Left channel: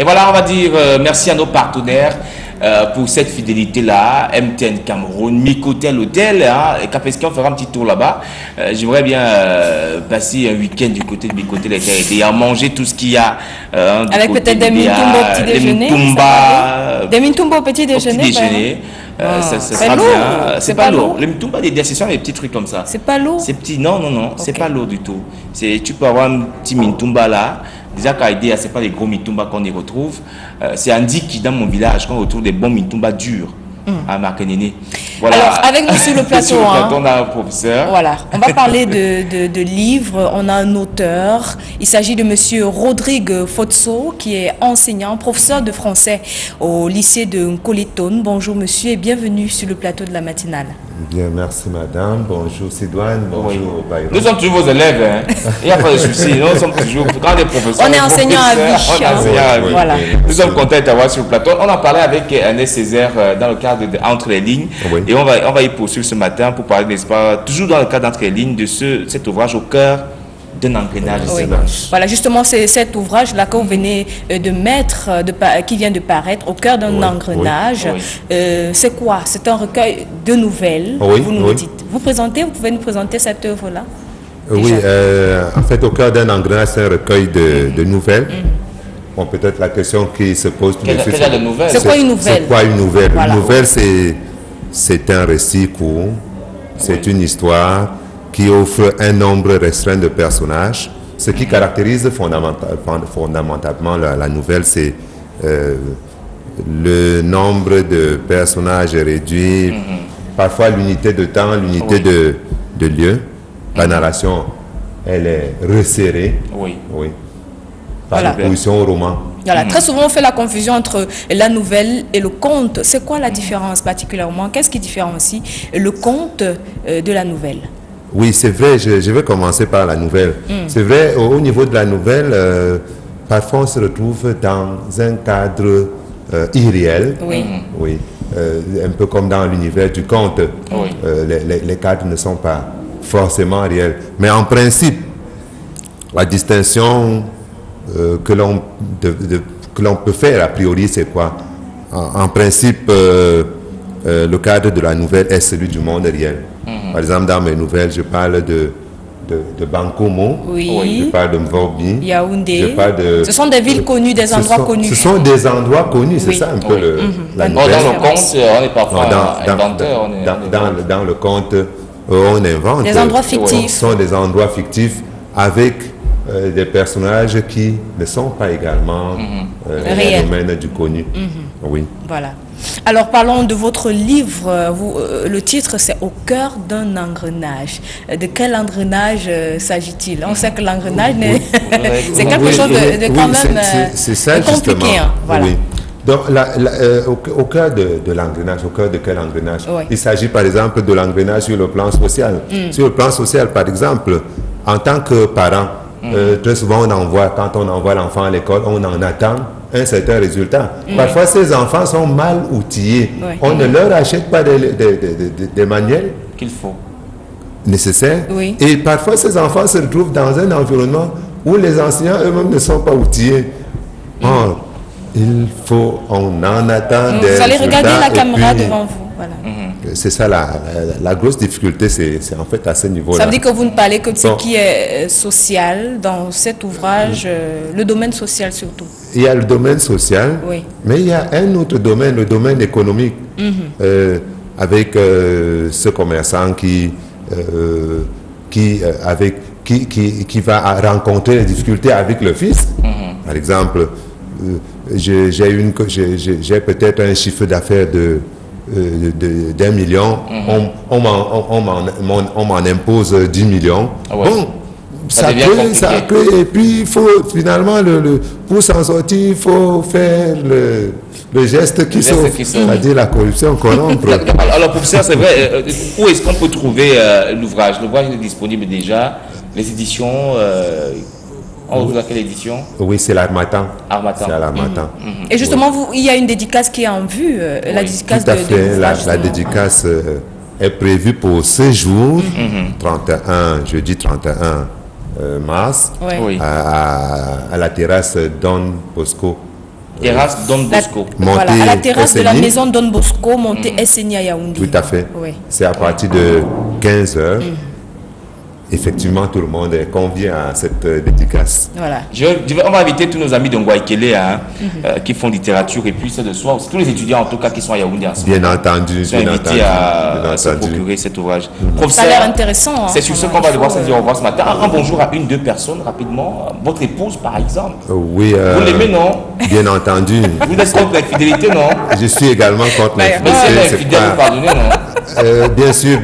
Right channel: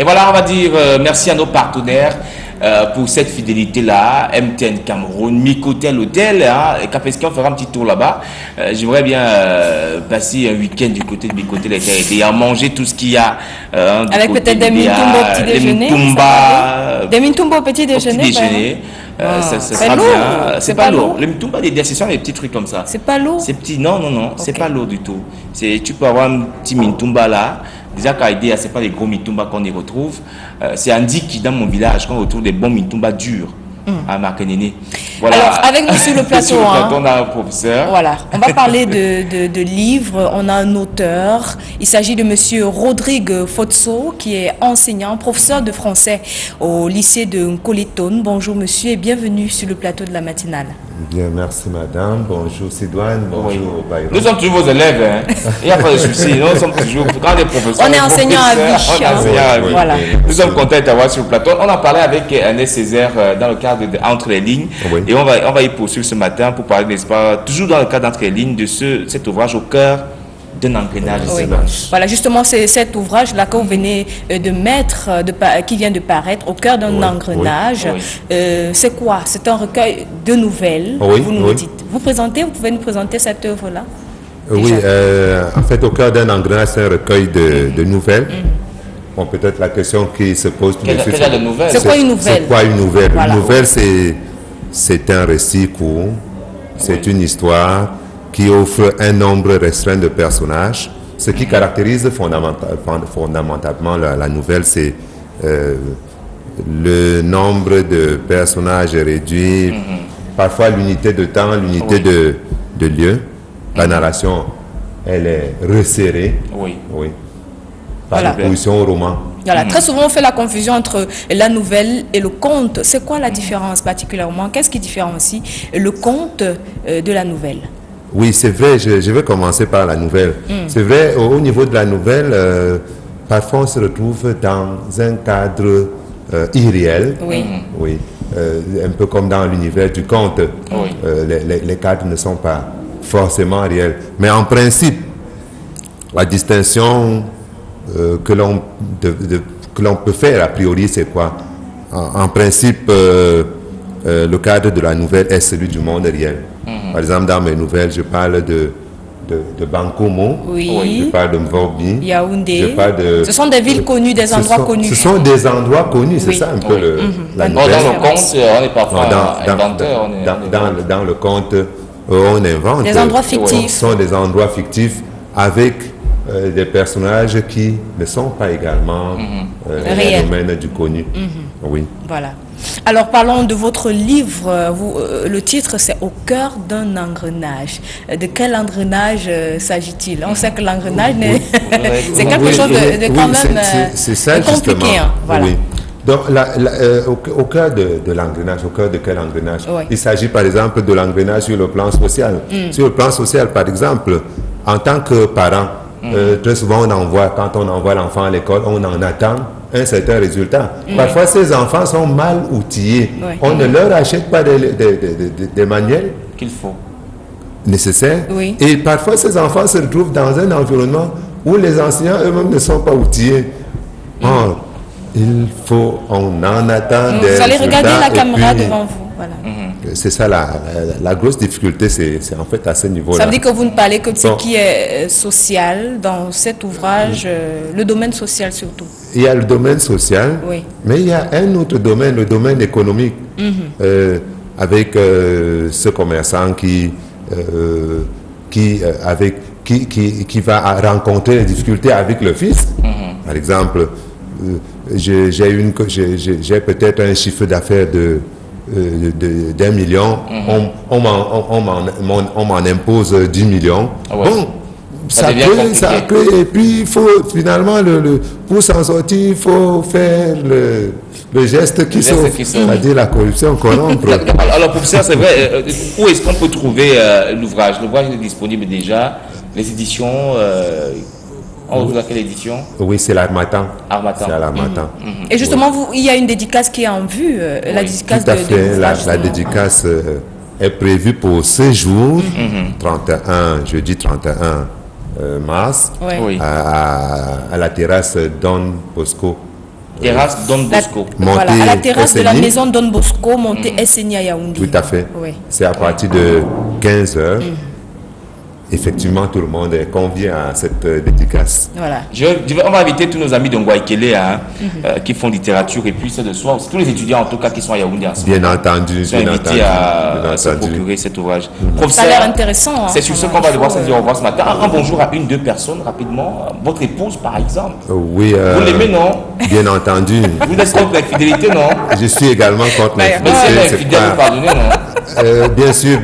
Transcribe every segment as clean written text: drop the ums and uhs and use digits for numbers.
Et voilà, on va dire merci à nos partenaires pour cette fidélité-là. MTN Cameroun, Mikotel Hôtel, hein, et Capesky, on fera un petit tour là-bas. J'aimerais bien passer un week-end du côté de Mikotel et à manger tout ce qu'il y a. Avec peut-être des mintumba au petit déjeuner. Des mintumba au petit déjeuner. Ça sera bien. C'est pas lourd. Le mitumba, ce sont des petits trucs comme ça. C'est pas lourd. C'est petit. Non. Okay. C'est pas lourd du tout. Tu peux avoir un petit mitumba là. Déjà, Kaïdea, ce n'est pas les gros mitumba qu'on y retrouve. C'est Andy qui, dans mon village, qu'on retrouve des bons mitumba durs à Marquenene. Voilà. Alors, avec nous sur le plateau, on a un professeur. Voilà, on va parler de livres. On a un auteur. Il s'agit de monsieur Rodrigue Fotso, qui est enseignant, professeur de français au lycée de Nkoletone. Bonjour monsieur et bienvenue sur le plateau de la matinale. Bien, merci madame. Bonjour Sidoine, bonjour Bayron. Nous sommes toujours vos élèves, hein. Il n'y a pas de souci. Nous sommes toujours, quand les professeurs. On est enseignants à vie. Voilà. Nous sommes contents de t'avoir sur le plateau. On en parlait avec Ernest Césaire dans le cadre de Entre les lignes. Oui. Et on va y poursuivre ce matin pour parler, n'est-ce pas, toujours dans le cadre d'Entre les lignes, de cet ouvrage au cœur d'un engrenage. Oui. Voilà, justement, c'est cet ouvrage-là que vous venez de mettre, qui vient de paraître, au cœur d'un engrenage. Oui. C'est quoi? C'est un recueil de nouvelles, vous nous dites. Vous pouvez nous présenter cette œuvre-là? Oui, en fait, au cœur d'un engrenage, c'est un recueil de nouvelles. Bon, peut-être la question qui se pose tout de suite. C'est quoi une nouvelle? C'est quoi une nouvelle? Voilà. Une nouvelle, c'est un récit court, c'est une histoire qui offre un nombre restreint de personnages. Ce qui caractérise fondamentalement la nouvelle, c'est le nombre de personnages réduit, parfois l'unité de temps, l'unité de lieu. La narration, elle est resserrée. Oui. Par opposition au roman. Voilà. Très souvent, on fait la confusion entre la nouvelle et le conte. C'est quoi la différence particulièrement? Qu'est-ce qui différencie le conte de la nouvelle? Oui, c'est vrai, je vais commencer par la nouvelle. C'est vrai, au niveau de la nouvelle, parfois on se retrouve dans un cadre irréel. Oui. Un peu comme dans l'univers du conte. Les cadres ne sont pas forcément réels. Mais en principe, la distinction que l'on peut faire a priori, c'est quoi? En principe, le cadre de la nouvelle est celui du monde réel. Par exemple, dans mes nouvelles, je parle de Bankomo, je parle de Mvorbi, Yaoundé. Ce sont des villes connues, des endroits connus. Ce sont des endroits connus, c'est ça un peu la nouvelle. Dans le conte, on est parfois inventeur. Dans le conte, on invente. Des endroits fictifs. Ce sont des endroits fictifs avec des personnages qui ne sont pas également le domaine du connu. Oui. Voilà. Alors parlons de votre livre. Le titre c'est Au cœur d'un engrenage. De quel engrenage s'agit-il? On sait que l'engrenage c'est quelque chose de quand même c'est ça, compliqué. Justement. Voilà. Oui. Donc au cœur de l'engrenage, au cœur de quel engrenage? Il s'agit par exemple de l'engrenage sur le plan social. Sur le plan social, par exemple, en tant que parent, très souvent quand on envoie l'enfant à l'école, on en attend un certain résultat. Parfois, ces enfants sont mal outillés. On ne leur achète pas des manuels qu'il faut nécessaires. Et parfois, ces enfants se retrouvent dans un environnement où les enseignants eux-mêmes ne sont pas outillés. Or, on en attend des résultats. Vous allez regarder la caméra devant vous. Voilà. C'est ça la grosse difficulté, c'est en fait à ce niveau-là. Ça veut dire que vous ne parlez que de ce qui est social dans cet ouvrage, le domaine social surtout. Il y a le domaine social, mais il y a un autre domaine, le domaine économique, avec ce commerçant qui va rencontrer des difficultés avec le fils. Par exemple, j'ai peut-être un chiffre d'affaires d'1 million, on m'en impose 10 millions. Bon, ça peut, et puis il faut finalement, pour s'en sortir, il faut faire le geste qui sauve, c'est-à-dire la corruption corrompre. Alors professeur, c'est vrai, où est-ce qu'on peut trouver l'ouvrage? L'ouvrage est disponible déjà, les éditions... On vous a quelle édition? Oui, c'est l'Harmattan. C'est à l'Harmattan. Et justement, il y a une dédicace qui est en vue, la dédicace tout à fait. La dédicace est prévue pour ce jour, jeudi 31 mars, à la terrasse Don Bosco Terrasse Don Bosco. Voilà, à la terrasse de la SNI. maison Don Bosco, montée SNI à Yaoundé. Tout à fait. Oui. C'est à partir de 15 heures. Effectivement, tout le monde est convié à cette dédicace. Voilà. On va inviter tous nos amis de Ngouaikele qui font littérature et puis c'est de soir. Tous les étudiants en tout cas qui sont à Yaoundé en ce moment. Bien entendu, Sont bien invités entendu. à bien se entendu. procurer cet ouvrage. Ça a Professeur, l'air intéressant. Hein. c'est sur ce qu'on va devoir se dire au revoir ce matin. Un bonjour à deux personnes rapidement. Votre épouse par exemple. Oui. Vous l'aimez, non? Bien entendu. Vous êtes contre l'infidélité, non? Je suis également contre Mais c'est l'infidélité. infidèle, vous pardonnez, non? Bien sûr,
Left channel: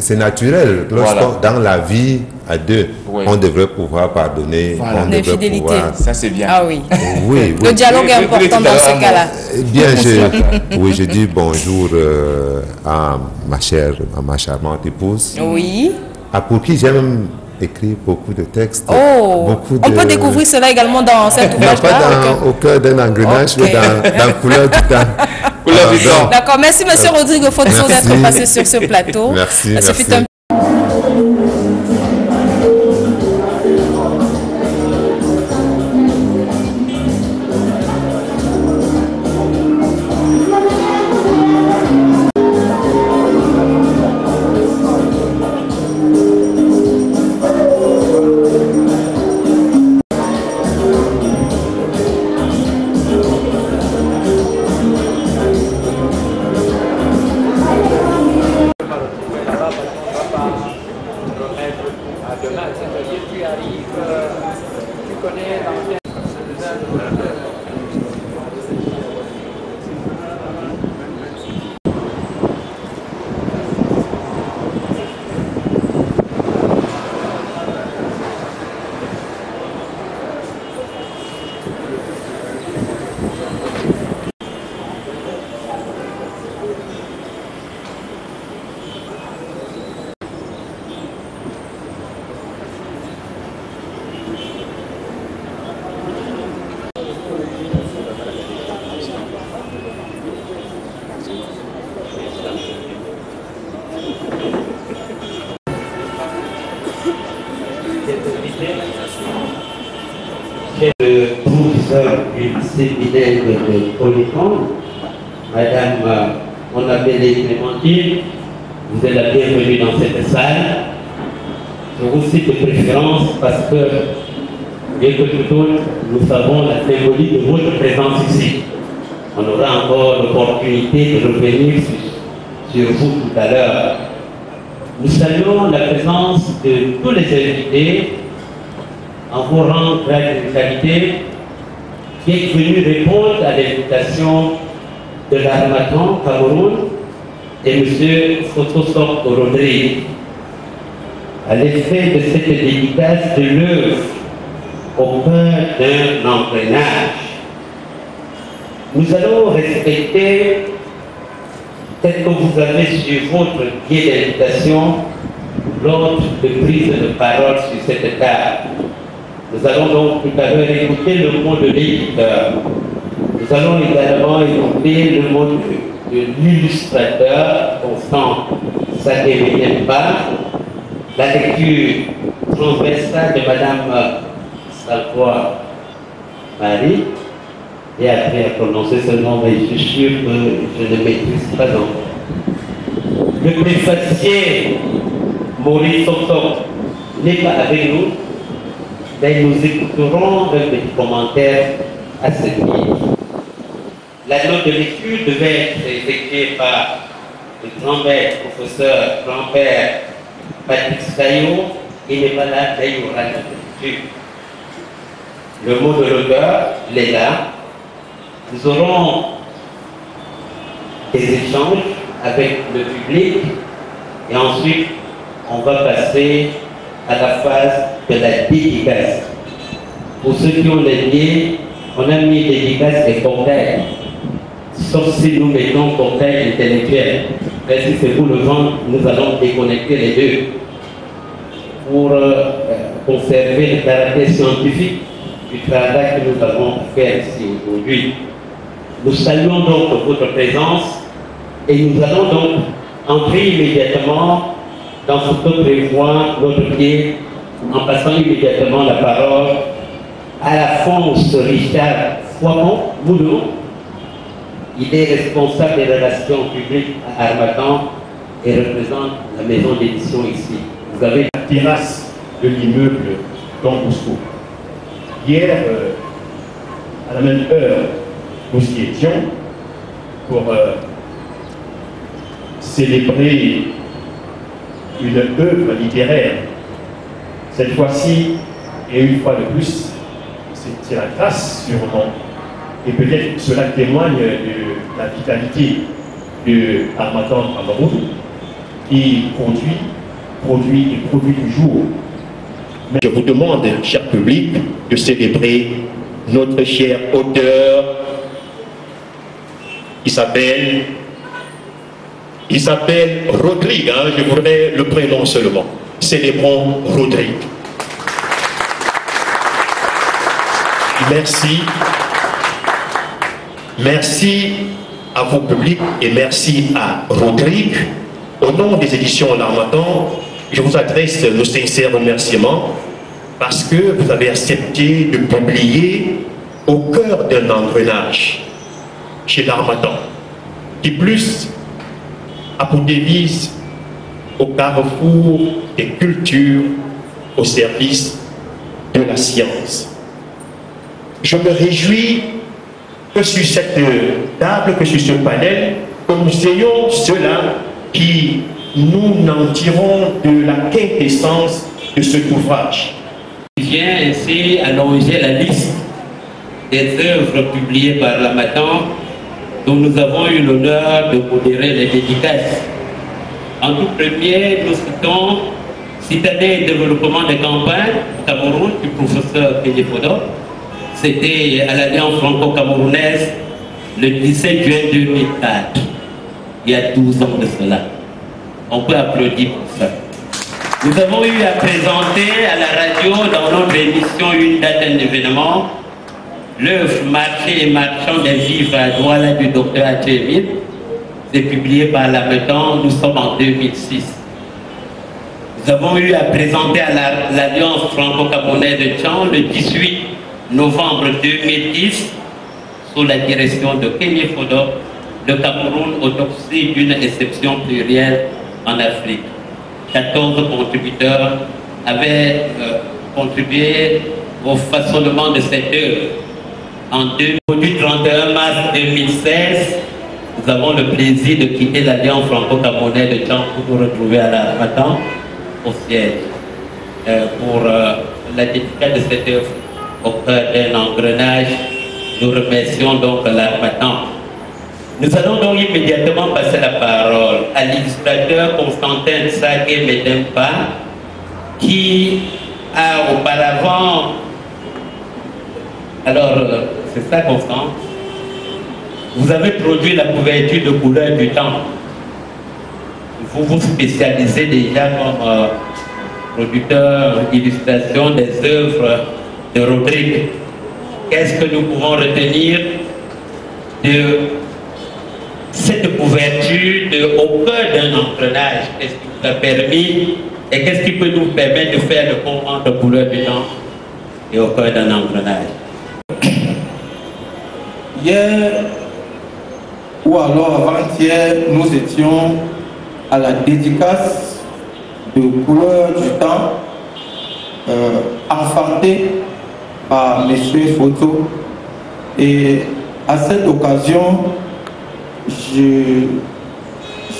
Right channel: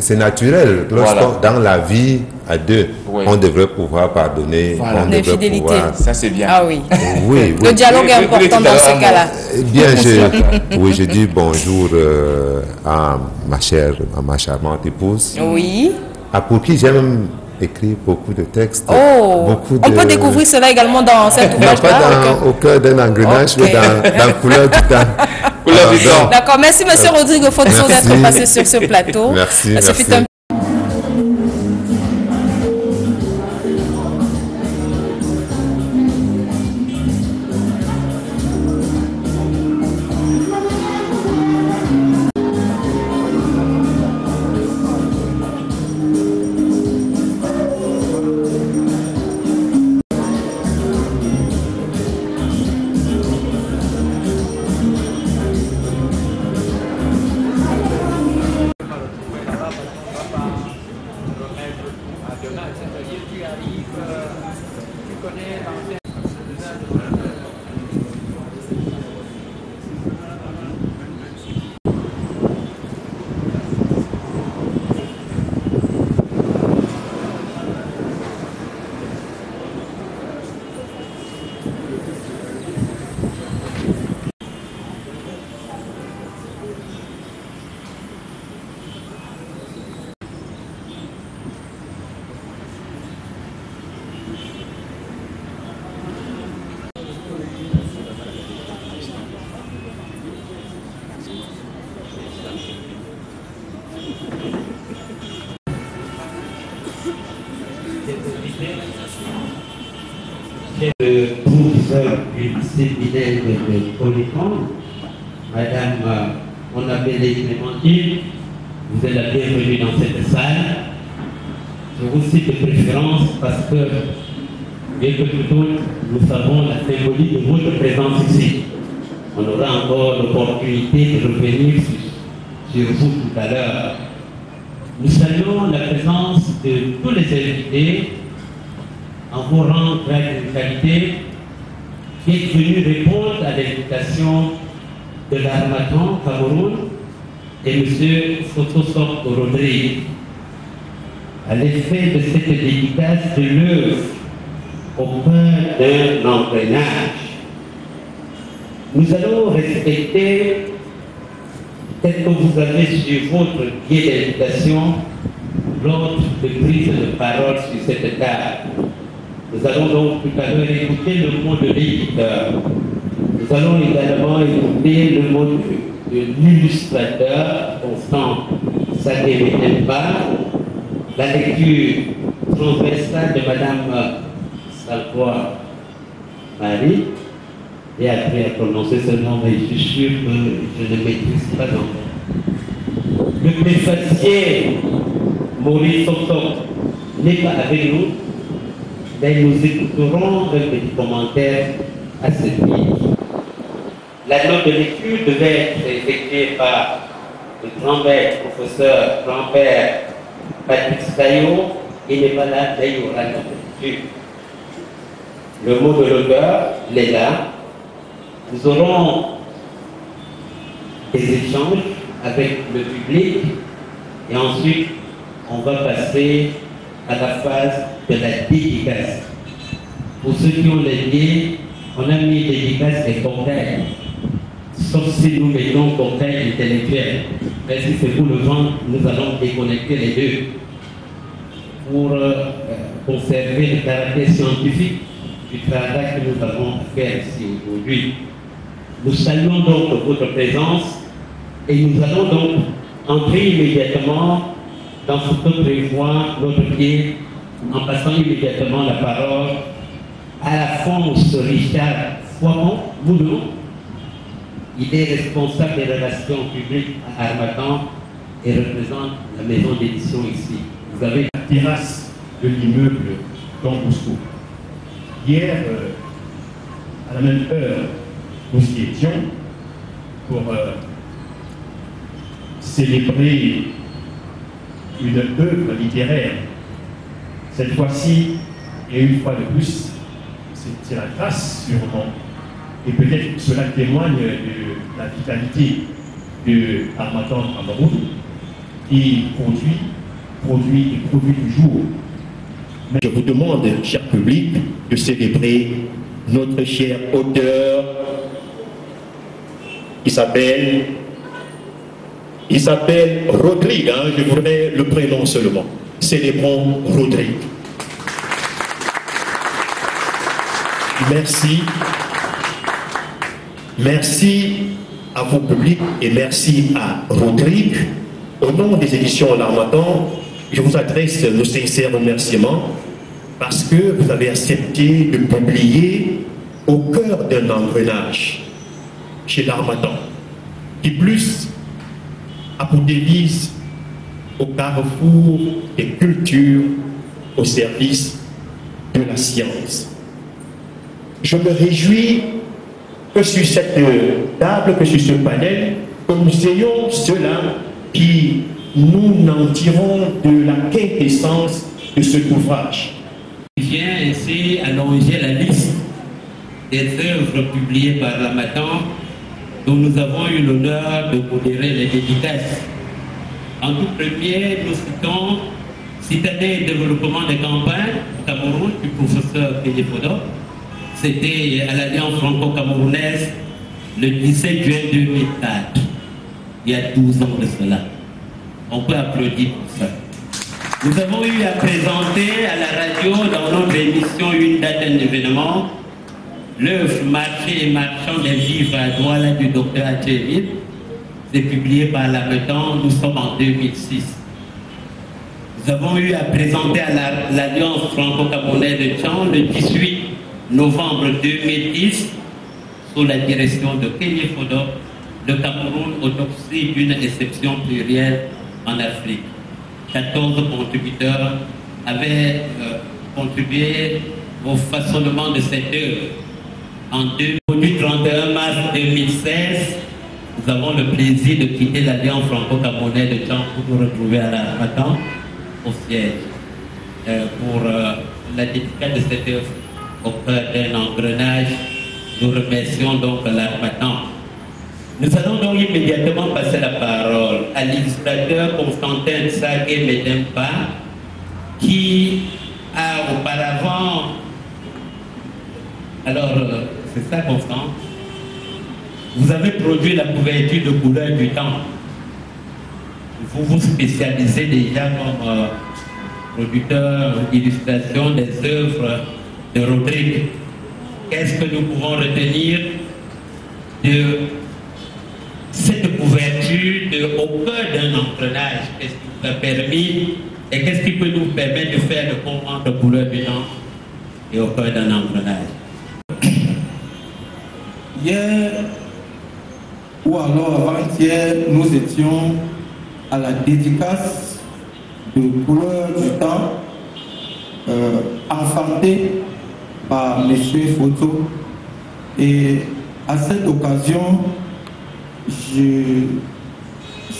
c'est naturel. Lorsqu'on dans la vie à deux, Oui. on devrait pouvoir pardonner. Voilà. On devrait L'infidélité. pouvoir. Ça c'est bien. Ah oui. Oui, Le oui. dialogue est Oui, oui, important tout à dans ce l'heure, cas-là. Bien, je dis bonjour à ma charmante épouse, Oui. pour qui j'ai même écrit beaucoup de textes. Oh, beaucoup on peut découvrir cela également dans cet Non, ouvrage-là. pas au cœur d'un engrenage, Ok. mais dans couleur du temps. Couleur du temps. D'accord, merci Monsieur Rodrigue Fotso Merci. d'être passé sur ce plateau. Merci, Ce fut merci. un Le professeur du séminaire de Polycom, Madame Onabele Clémentine, vous êtes la bienvenue dans cette salle. Je vous cite de préférence parce que, bien que tout autre, nous savons la symbolique de votre présence ici. On aura encore l'opportunité de revenir sur vous tout à l'heure. Nous saluons la présence de tous les invités en vous rendre grâce de qualité qui est venu répondre à l'invitation de l'Armatan Cameroun et M. Fotosok Rodrigue. À l'effet de cette dédicace de l'œuvre au cœur d'un engrenage, nous allons respecter, tel que vous avez sur votre pied d'invitation, l'ordre de prise de parole sur cette table. Nous allons donc tout à l'heure écouter le mot de l'éditeur. Nous allons également écouter le mot de l'illustrateur, Constant Sadé-Médemba, la lecture transversale de Madame Salvois Marie, et après à prononcer ce nom, mais je suis sûr que je ne maîtrise pas encore. Le préfacier Maurice Soto n'est pas avec nous, mais nous écouterons un petit commentaire à ce livre. La note de lecture devait être effectuée par le grand-père, professeur grand-père Patrick Sayo. Il n'est pas là, mais il y aura la note de lecture. Le mot de l'auteur, il est là. Nous aurons des échanges avec le public et ensuite on va passer à la phase de la dédicace. Pour ceux qui ont les liens, on a mis dédicace et cocktail. Sauf si nous mettons cocktail intellectuel. Mais si c'est pour le vendre, nous allons déconnecter les deux pour conserver le caractère scientifique du travail que nous avons fait ici aujourd'hui. Nous saluons donc votre présence et nous allons donc entrer immédiatement dans ce que prévoit notre pied en passant immédiatement la parole à la France Richard Moulon. Il est responsable des relations publiques à Harmattan et représente la maison d'édition ici. Vous avez la terrasse de l'immeuble Don Bosco. Hier, à la même heure, nous y étions pour célébrer une œuvre littéraire. Cette fois-ci, et une fois de plus, c'est la grâce sûrement. Et peut-être cela témoigne de la vitalité de Harmattan Cameroun qui produit toujours. Mais je vous demande, cher public, de célébrer notre cher auteur. Il s'appelle Rodrigue, hein, je voudrais le prénom seulement. Célébrons Rodrigue. Merci. Merci à vos publics et merci à Rodrigue. Au nom des éditions L'Harmattan, je vous adresse nos sincères remerciements parce que vous avez accepté de publier au cœur d'un engrenage chez L'Harmattan, qui plus a pour devise au carrefour des cultures au service de la science. Je me réjouis que sur cette table, que sur ce panel, que nous ayons ceux-là qui nous en tirons de la quintessence de cet ouvrage. Je viens ainsi allonger la liste des œuvres publiées par L'Harmattan dont nous avons eu l'honneur de modérer les dédicaces. En tout premier, nous citons Citadelle et développement des campagnes au Cameroun du professeur Kéné Fodo. C'était à l'Alliance franco-camerounaise le 17 juin 2004, il y a 12 ans de cela. On peut applaudir pour ça. Nous avons eu à présenter à la radio dans notre émission Une date, un événement, l'œuvre Marché et marchand des vivres à Douala du docteur Atcheville. C'est publié par L'Harmattan, nous sommes en 2006. Nous avons eu à présenter à l'Alliance franco-camerounaise de Tchang le 18 novembre 2010, sous la direction de Kéné Fodo, le Cameroun, autopsie d'une exception plurielle en Afrique. 14 contributeurs avaient contribué au façonnement de cette œuvre. En 31 mars 2016, nous avons le plaisir de quitter l'Alliance franco-camerounaise de Tchang pour nous retrouver à L'Harmattan au siège pour la dédicace de cette œuvre au cœur d'un engrenage. Nous remercions donc L'Harmattan. Nous allons donc immédiatement passer la parole à l'illustrateur Constantin Sagué Medempa, qui a auparavant... Alors, c'est ça, Constant? Vous avez produit la couverture de Couleur du Temps. Vous vous spécialisez déjà comme producteur d'illustration des œuvres de Rodrigue. Qu'est-ce que nous pouvons retenir de cette couverture au cœur d'un engrenage? Qu'est-ce qui vous a permis et qu'est-ce qui peut nous permettre de faire le pont entre Couleur du Temps et au cœur d'un engrenage? Hier, ou alors avant-hier, nous étions à la dédicace de Couleur du Temps, enfantée par M. Foto. Et à cette occasion,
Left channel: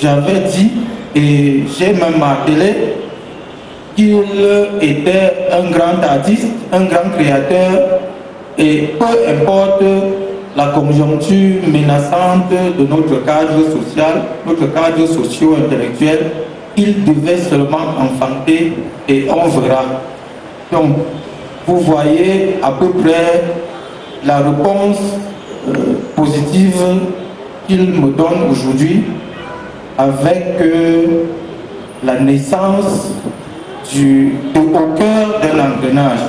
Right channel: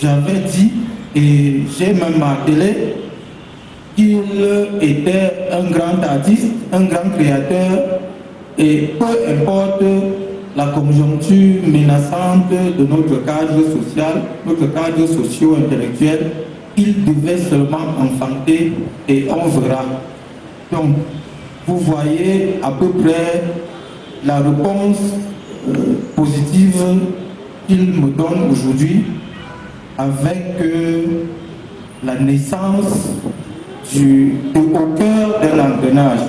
j'avais dit et j'ai même martelé qu'il était un grand artiste, un grand créateur, et peu importe la conjoncture menaçante de notre cadre social, notre cadre socio-intellectuel, il devait seulement enfanter et on verra. Donc, vous voyez à peu près la réponse positive qu'il me donne aujourd'hui avec la naissance au cœur d'un engrenage.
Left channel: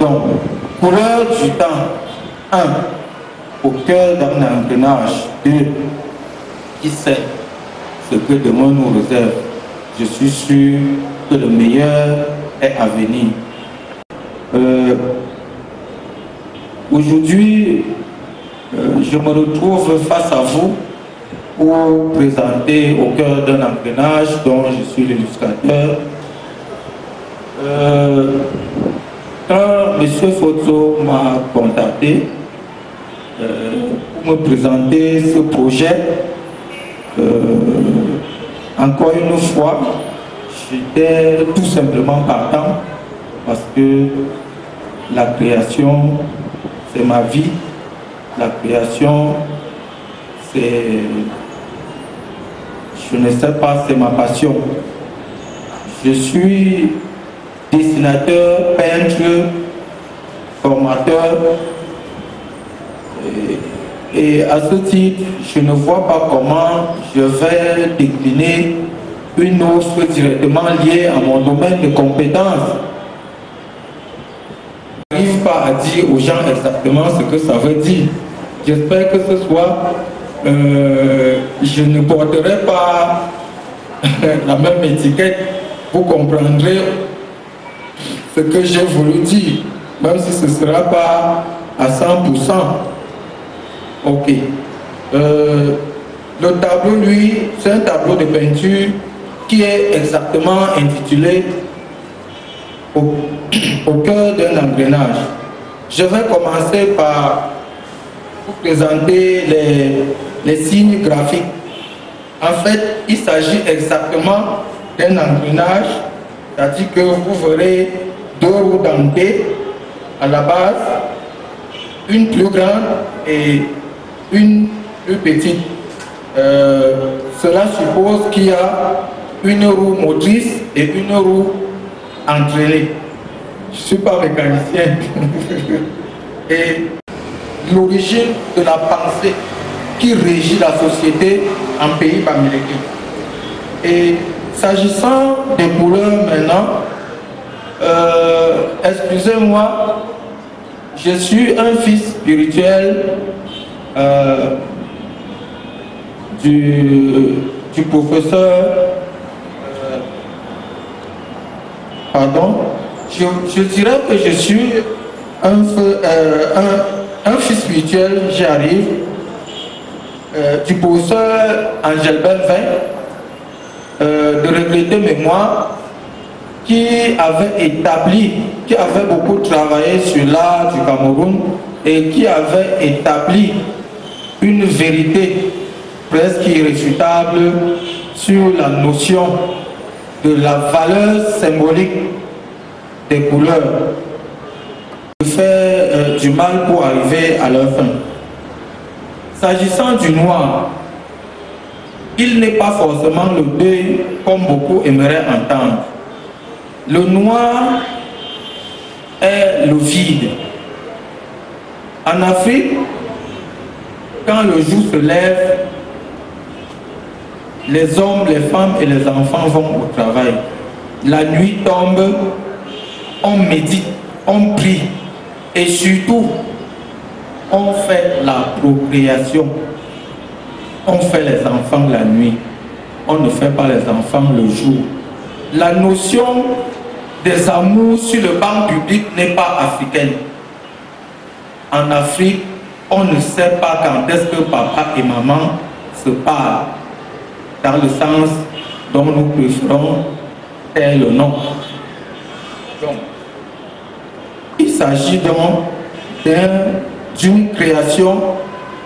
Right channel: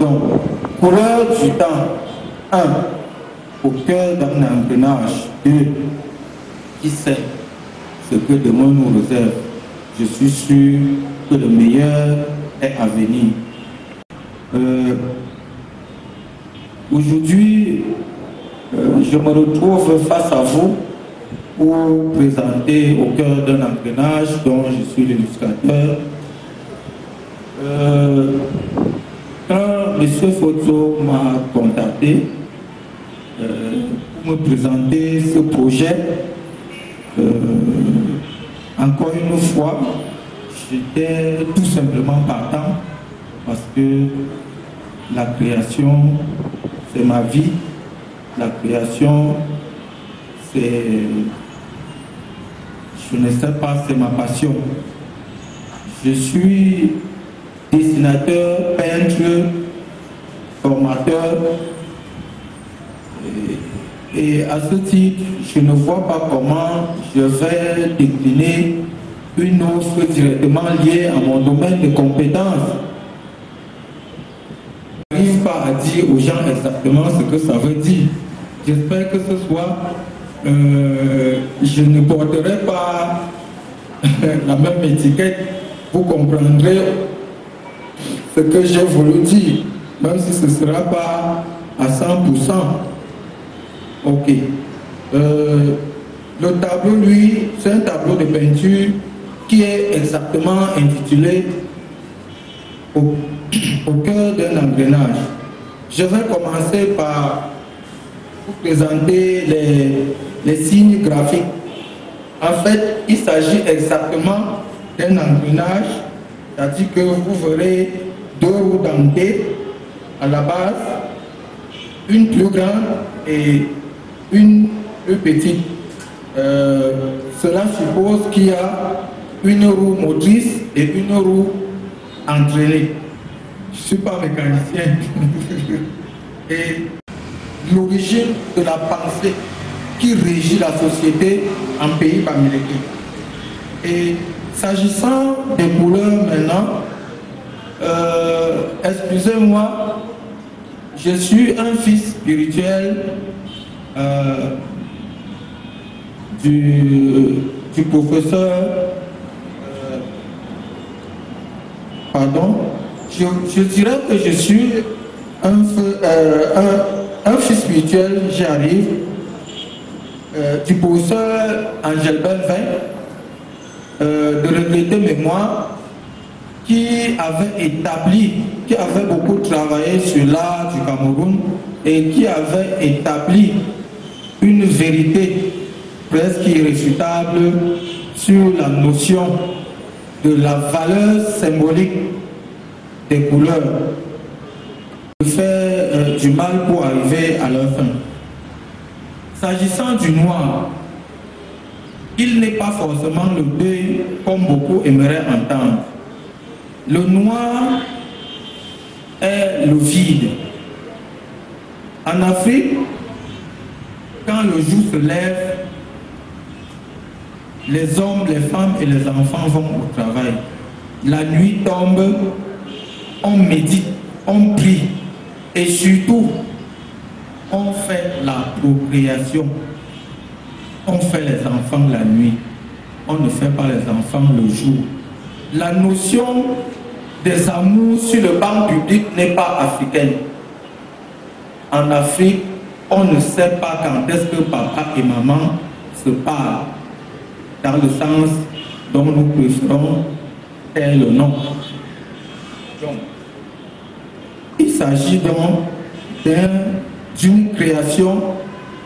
Donc, Couleur du Temps, 1. Au cœur d'un engrenage, 2. Qui sait ce que demain nous réserve? Je suis sûr que le meilleur est à venir. Aujourd'hui, je me retrouve face à vous pour présenter au cœur d'un engrenage dont je suis l'illustrateur. Quand M. Fotso m'a contacté pour me présenter ce projet, encore une fois, j'étais tout simplement partant parce que la création, c'est ma vie. La création, c'est, je ne sais pas, c'est ma passion. Je suis dessinateur, peintre, formateur. Et à ce titre, je ne vois pas comment je vais décliner une offre directement liée à mon domaine de compétences. Je n'arrive pas à dire aux gens exactement ce que ça veut dire. J'espère que ce soir, je ne porterai pas la même étiquette. Vous comprendrez ce que j'ai voulu dire, même si ce ne sera pas à 100%. Ok. Le tableau, lui, c'est un tableau de peinture qui est exactement intitulé au cœur d'un engrenage. Je vais commencer par vous présenter les signes graphiques. En fait, il s'agit exactement d'un engrenage, c'est-à-dire que vous verrez deux roues dentées à la base, une plus grande et une plus petite. Cela suppose qu'il y a une roue motrice et une roue entraînée. Je ne suis pas mécanicien. Et l'origine de la pensée qui régit la société en pays américain. Et s'agissant des couleurs maintenant, excusez-moi, je suis un fils spirituel du professeur, je dirais que je suis un fils spirituel, j'y arrive, du professeur Angel Benvin, de regretter mémoire, qui avait beaucoup travaillé sur l'art du Cameroun et qui avait établi une vérité presque irréfutable sur la notion de la valeur symbolique des couleurs, de faire du mal pour arriver à leur fin. S'agissant du noir, il n'est pas forcément le deuil comme beaucoup aimeraient entendre. Le noir est le vide. En Afrique, quand le jour se lève, les hommes, les femmes et les enfants vont au travail. La nuit tombe, on médite, on prie et surtout, on fait la procréation. On fait les enfants la nuit. On ne fait pas les enfants le jour. La notion des amours sur le banc public n'est pas africaine. En Afrique, on ne sait pas quand est-ce que papa et maman se parlent, dans le sens dont nous préférons tel le nom. Donc, il s'agit donc d'une création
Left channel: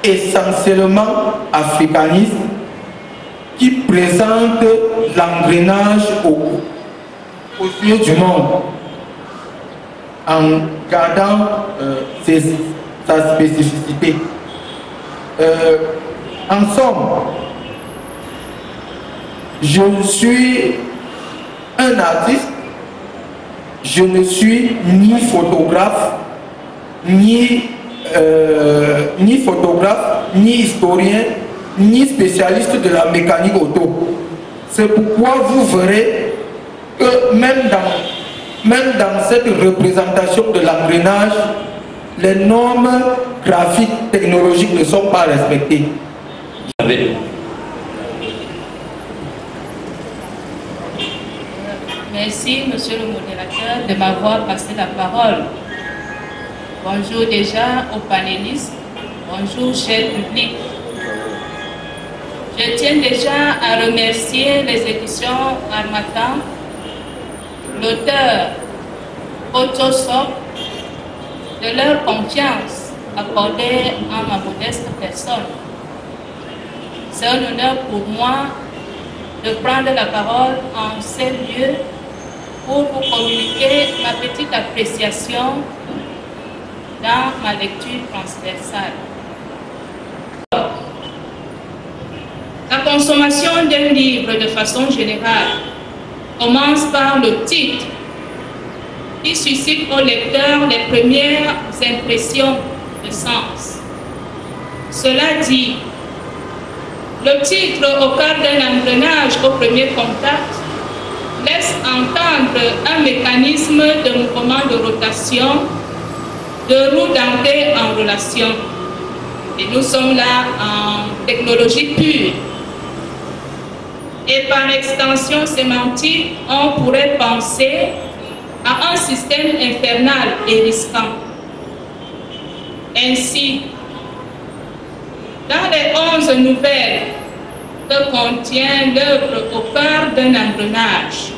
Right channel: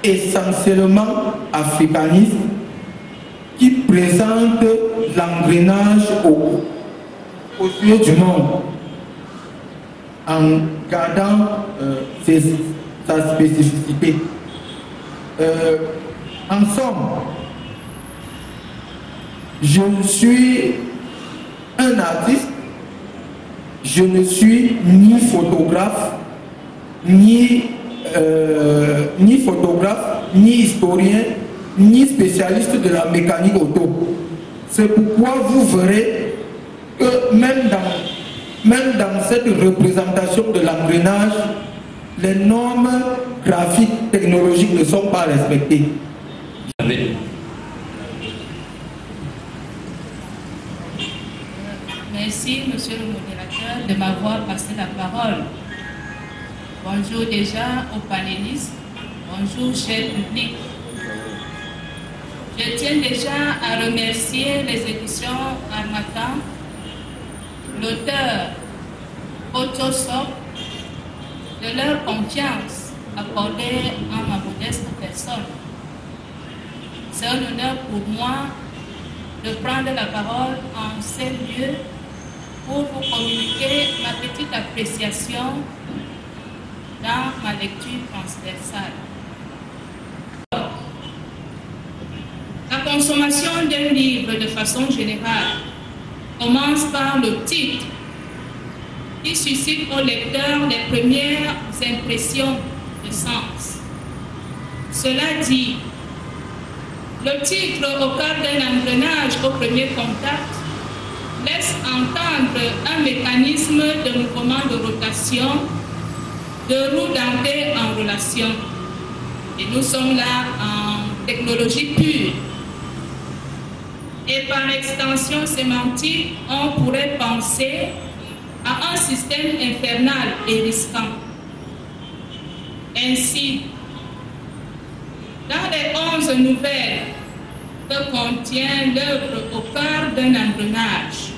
essentiellement africaniste qui présente l'engrenage aux yeux du monde en gardant sa spécificité. En somme, je suis un artiste, je ne suis ni photographe, ni historien, ni spécialiste de la mécanique auto. C'est pourquoi vous verrez que même dans cette représentation de l'engrenage, les normes graphiques technologiques ne sont pas respectées. Merci, monsieur le modérateur, de m'avoir passé la parole. Bonjour déjà aux panélistes. Bonjour, cher public. Je tiens déjà à remercier les éditions Harmattan, l'auteur Photosop, de leur confiance accordée en ma modeste personne. C'est un honneur pour moi de prendre la parole en ces lieux pour vous communiquer ma petite appréciation dans ma lecture transversale. La consommation d'un livre de façon générale commence par le titre qui suscite au lecteur les premières impressions de sens. Cela dit, le titre au cœur d'un engrenage au premier contact laisse entendre un mécanisme de mouvement de rotation de roues dentées en relation. Et nous sommes là en technologie pure. Et par extension sémantique, on pourrait penser à un système infernal et risquant. Ainsi, dans les 11 nouvelles que contient l'œuvre au cœur d'un engrenage,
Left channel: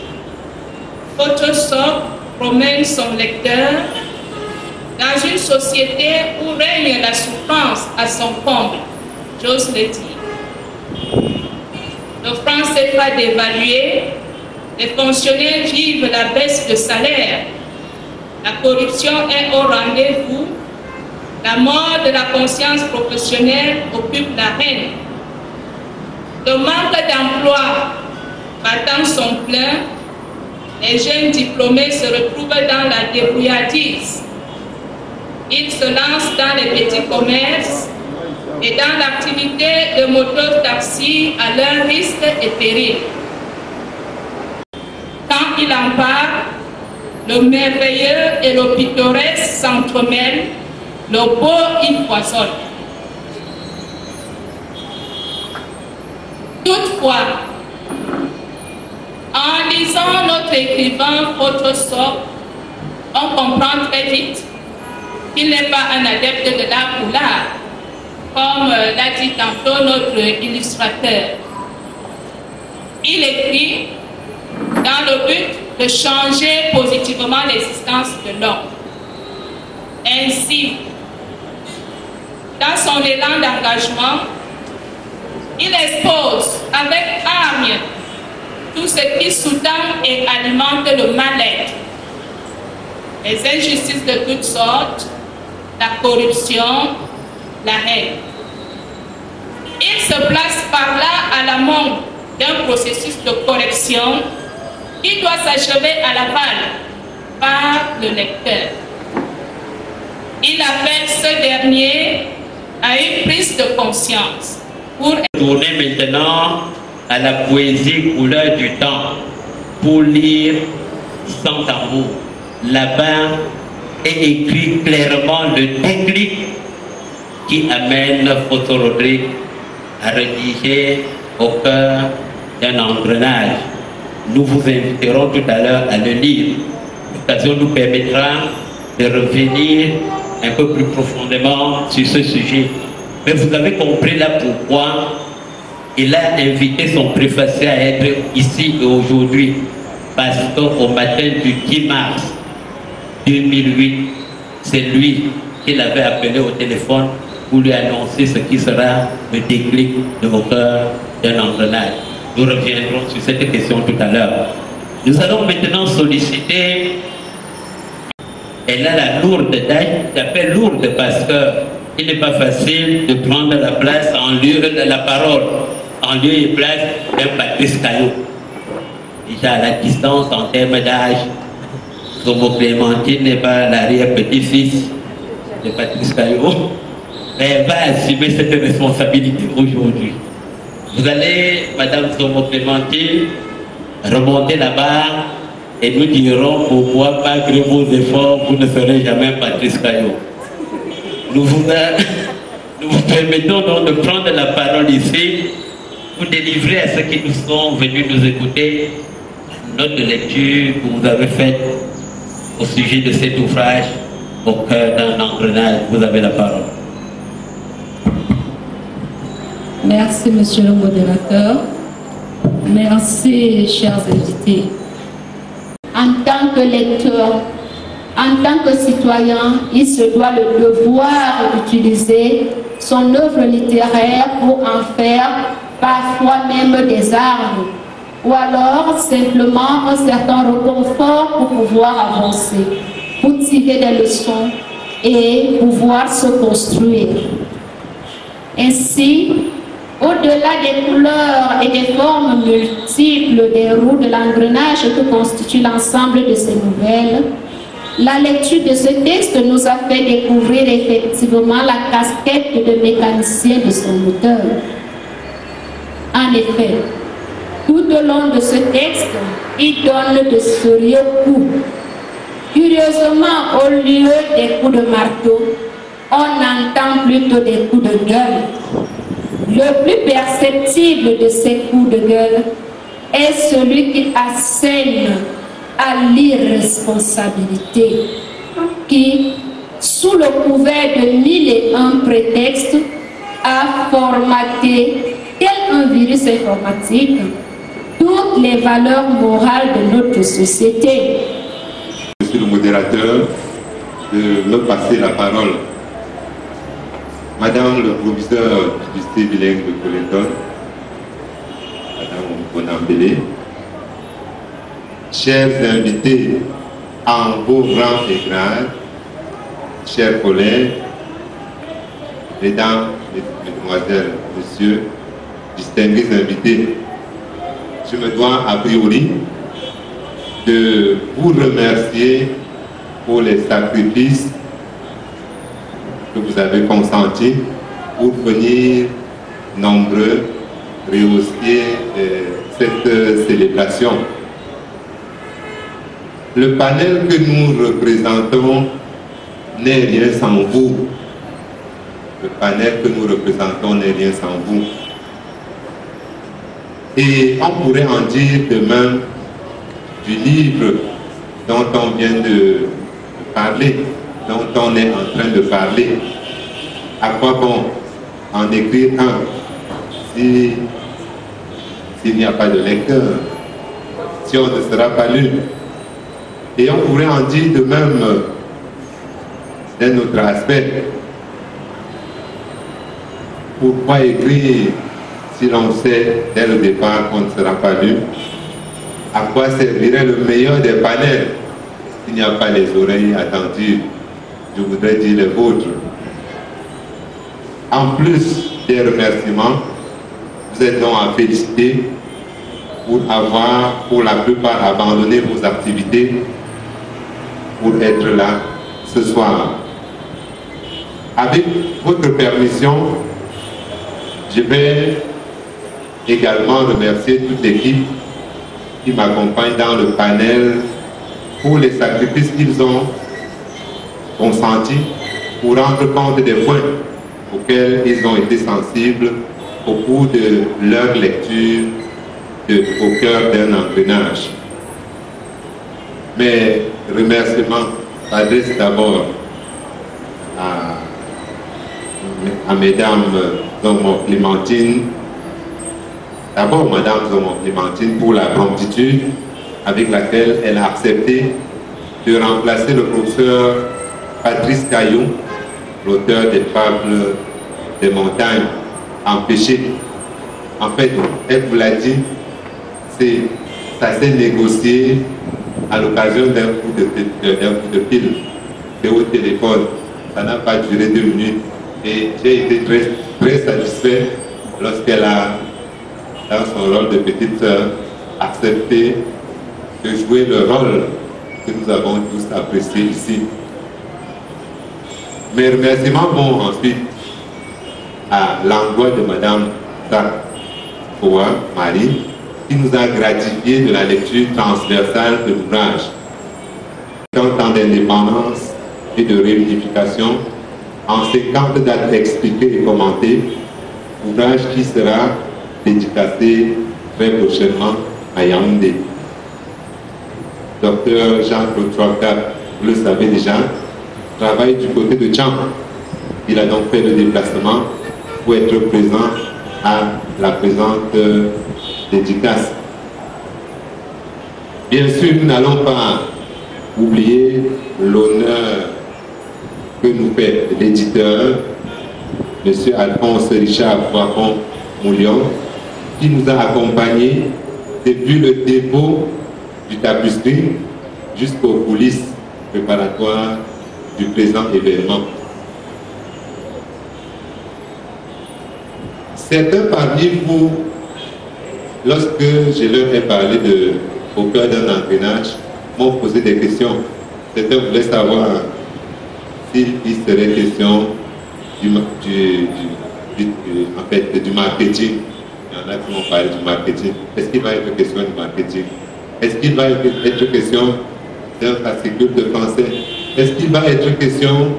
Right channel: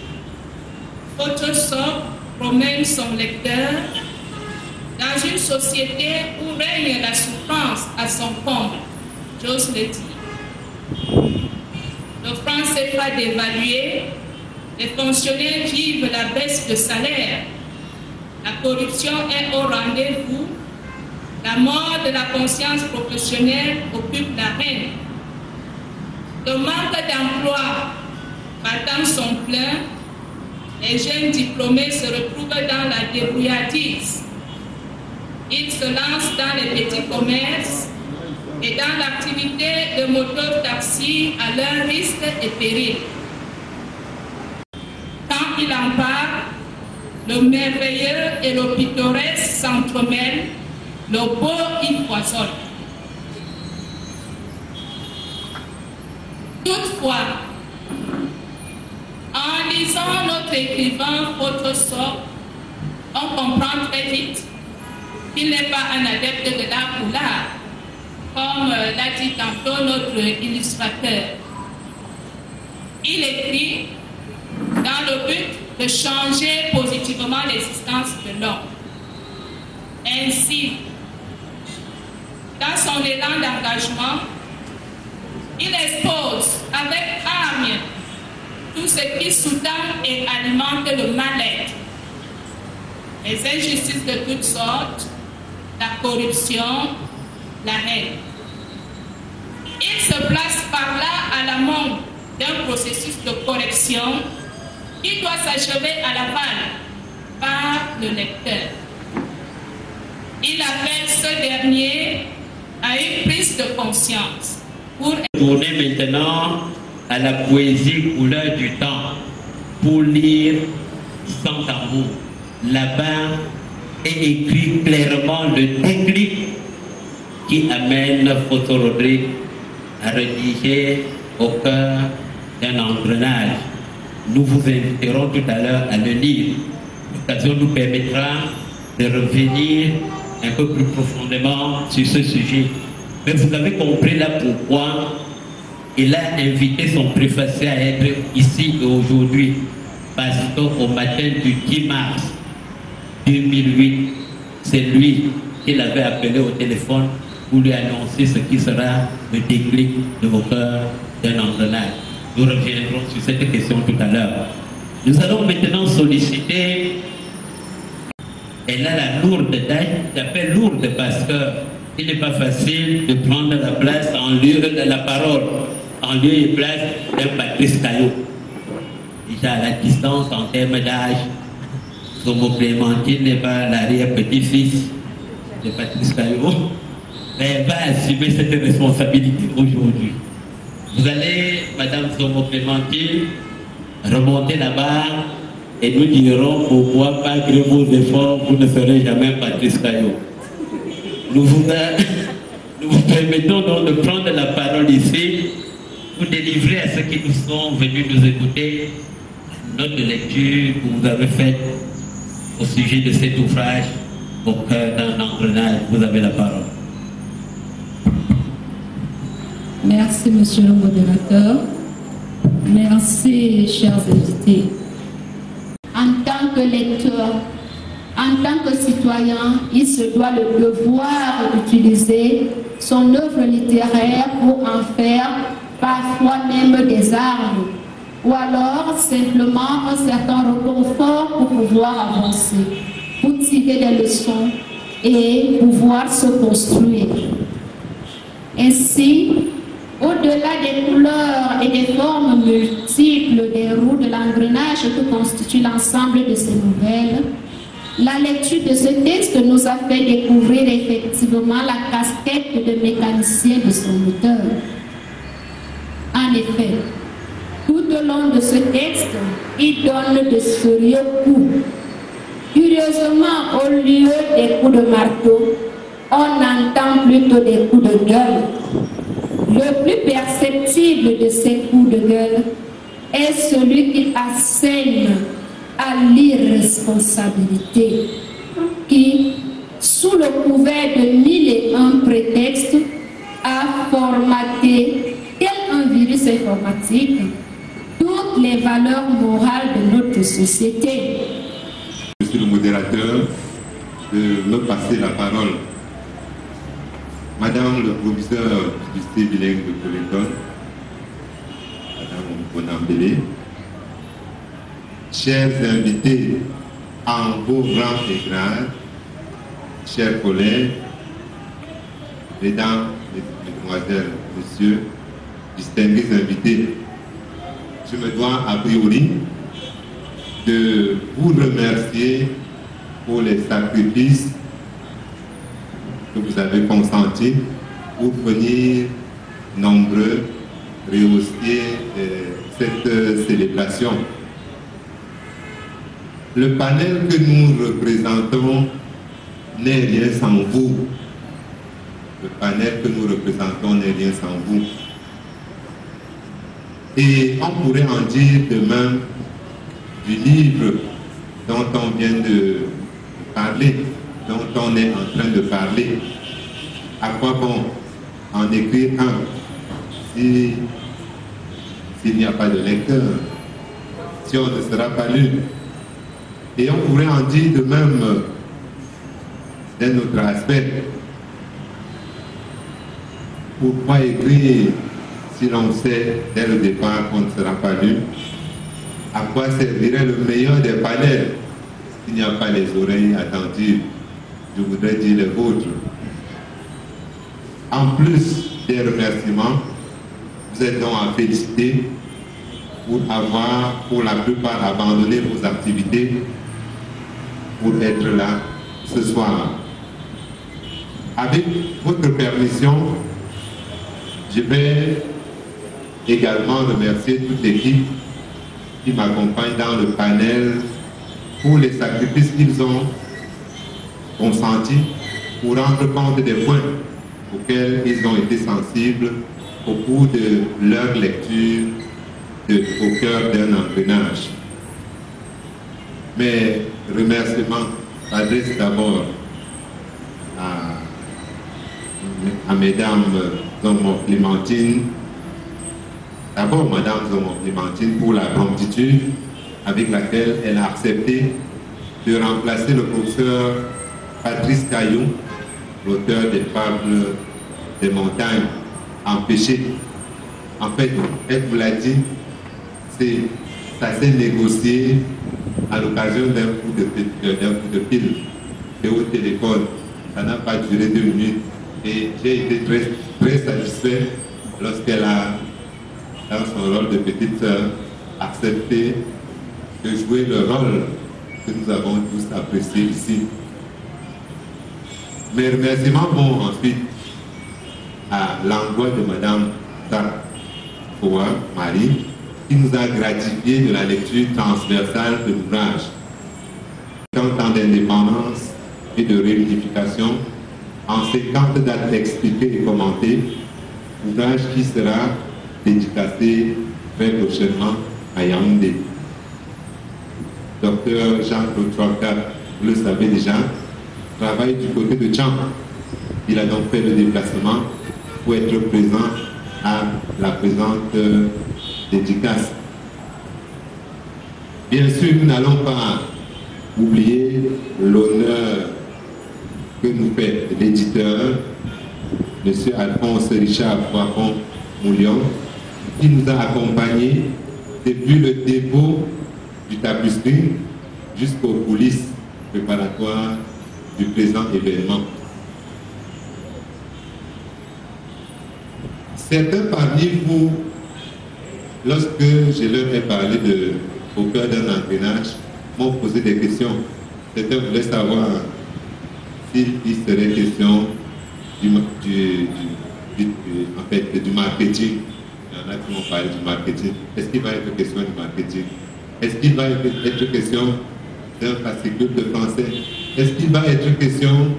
Photosop promène son lecteur dans une société où règne la souffrance à son comble, j'ose le dire. Le franc CFA dévalué, les fonctionnaires vivent la baisse de salaire, la corruption est au rendez-vous, la mort de la conscience professionnelle occupe l'arène. Le manque d'emploi battant son plein, les jeunes diplômés se retrouvent dans la débrouillardise. Ils se lancent dans les petits commerces et dans l'activité de moto-taxi à leur risque et péril. Quand il en parle, le merveilleux et le pittoresque s'entremêlent, le beau y foisonne. Toutefois, en lisant notre écrivain Photosop, on comprend très vite qu'il n'est pas un adepte de l'art ou l'art, comme l'a dit tantôt notre illustrateur. Il écrit dans le but de changer positivement l'existence de l'homme. Ainsi, dans son élan d'engagement, il expose avec hargne tout ce qui sous-tend et alimente le mal-être, les injustices de toutes sortes, la corruption, la haine. Il se place par là à l'amont d'un processus de correction qui doit s'achever à l'aval par le lecteur. Il appelle ce dernier à une prise de conscience pour tourner maintenant à la poésie couleur du temps pour lire sans tambour. Là-bas est écrit clairement le déclic qui amène Photo Rodrigue à rédiger au cœur d'un engrenage. Nous vous inviterons tout à l'heure à le lire. L'occasion nous permettra de revenir un peu plus profondément sur ce sujet. Mais vous avez compris là pourquoi il a invité son préfacier à être ici et aujourd'hui. Parce qu'au matin du 10 mars 2008, c'est lui qui l'avait appelé au téléphone pour lui annoncer ce qui sera le déclic de vos cœurs d'un engrenage. Nous reviendrons sur cette question tout à l'heure. Nous allons maintenant solliciter, elle a la lourde tâche, j'appelle lourde parce qu'il n'est pas facile de prendre la place en lieu de la parole, en lieu et place d'un Patrice Caillot. Déjà à la distance en termes d'âge, Zomo Clémentine n'est pas l'arrière-petit-fils de Patrice Caillot, mais elle va assumer cette responsabilité aujourd'hui. Vous allez, Madame Zomo Clémentine, remonter là-bas et nous dirons pourquoi, malgré vos efforts, vous ne serez jamais Patrice Caillot. Nous vous permettons donc de prendre la parole ici pour délivrer à ceux qui nous sont venus nous écouter la note de lecture que vous avez faite au sujet de cet ouvrage au cœur d'un engrenage. Vous avez la parole. Merci, monsieur le modérateur. Merci, chers invités. En tant que lecteur, en tant que citoyen, il se doit le devoir d'utiliser son œuvre littéraire pour en faire parfois même des armes, ou alors simplement un certain réconfort pour pouvoir avancer, pour tirer des leçons et pouvoir se construire. Ainsi, au-delà des couleurs et des formes multiples des roues de l'engrenage que constitue l'ensemble de ces nouvelles, la lecture de ce texte nous a fait découvrir effectivement la casquette de mécanicien de son auteur. En effet, tout au long de ce texte, il donne de sérieux coups. Curieusement, au lieu des coups de marteau, on entend plutôt des coups de gueule. Le plus perceptible de ces coups de gueule est celui qui assène à l'irresponsabilité, qui, sous le couvert de 1001 prétextes, a formaté, tel un virus informatique, toutes les valeurs morales de notre société. Monsieur le modérateur, de me passer la parole. Madame le professeur du lycée bilingue de Coléton, Madame Bonambélé, chers invités en vos rangs et grades, chers collègues, mesdames, mesdemoiselles, messieurs, distingués invités, je me dois a priori de vous remercier pour les sacrifices que vous avez consentis pour venir nombreux rehausser cette célébration. Le panel que nous représentons n'est rien sans vous. Le panel que nous représentons n'est rien sans vous. Et on pourrait en dire de même du livre dont on vient de parler, dont on est en train de parler. À quoi bon en écrire un s'il n'y a pas de lecteur, si on ne sera pas lu? Et on pourrait en dire de même d'un autre aspect. Pourquoi écrire si l'on sait dès le départ qu'on ne sera pas lu? À quoi servirait le meilleur des panels s'il n'y a pas les oreilles attentives? Je voudrais dire les vôtres. En plus des remerciements, vous êtes donc à féliciter pour avoir, pour la plupart, abandonné vos activités pour être là ce soir. Avec votre permission, je vais également remercier toute l'équipe qui m'accompagne dans le panel pour les sacrifices qu'ils ont consentis pour rendre compte des points auxquels ils ont été sensibles au cours de leur lecture au cœur d'un engrenage. Mes remerciements s'adressent d'abord à Mesdames Zomo Clémentine, d'abord Madame Zomo Clémentine pour la promptitude avec laquelle elle a accepté de remplacer le professeur Patrice Caillou, l'auteur des fables des montagnes empêchées. En fait, elle vous l'a dit, ça s'est négocié à l'occasion d'un coup de fil au téléphone. Ça n'a pas duré 2 minutes. Et j'ai été très satisfait lorsqu'elle a, dans son rôle de petite sœur, accepté de jouer le rôle que nous avons tous apprécié ici. Mes remerciements vont ensuite à l'endroit de Madame Sarkoa Marie, qui nous a gratifié de la lecture transversale de l'ouvrage. En temps d'indépendance et de réunification, en 50 dates expliquées et commentées, ouvrage qui sera dédicacé très prochainement à Yaoundé. Docteur Jean-Claude Troika, vous le savez déjà, travaille du côté de Tchang. Il a donc fait le déplacement pour être présent à la présente dédicace. Bien sûr, nous n'allons pas oublier l'honneur que nous fait l'éditeur, M. Alphonse Richard Poiron-Moulion, qui nous a accompagnés depuis le dépôt du tapisserie jusqu'aux coulisses préparatoires du présent événement. Certains parmi vous, lorsque je leur ai parlé au cœur d'un engrenage, m'ont posé des questions. Certains voulaient savoir s'il serait question du marketing. Il y en a qui m'ont parlé du marketing. Est-ce qu'il va être question du marketing? Est-ce qu'il va être question d'un fascicule de français? Est-ce qu'il va être question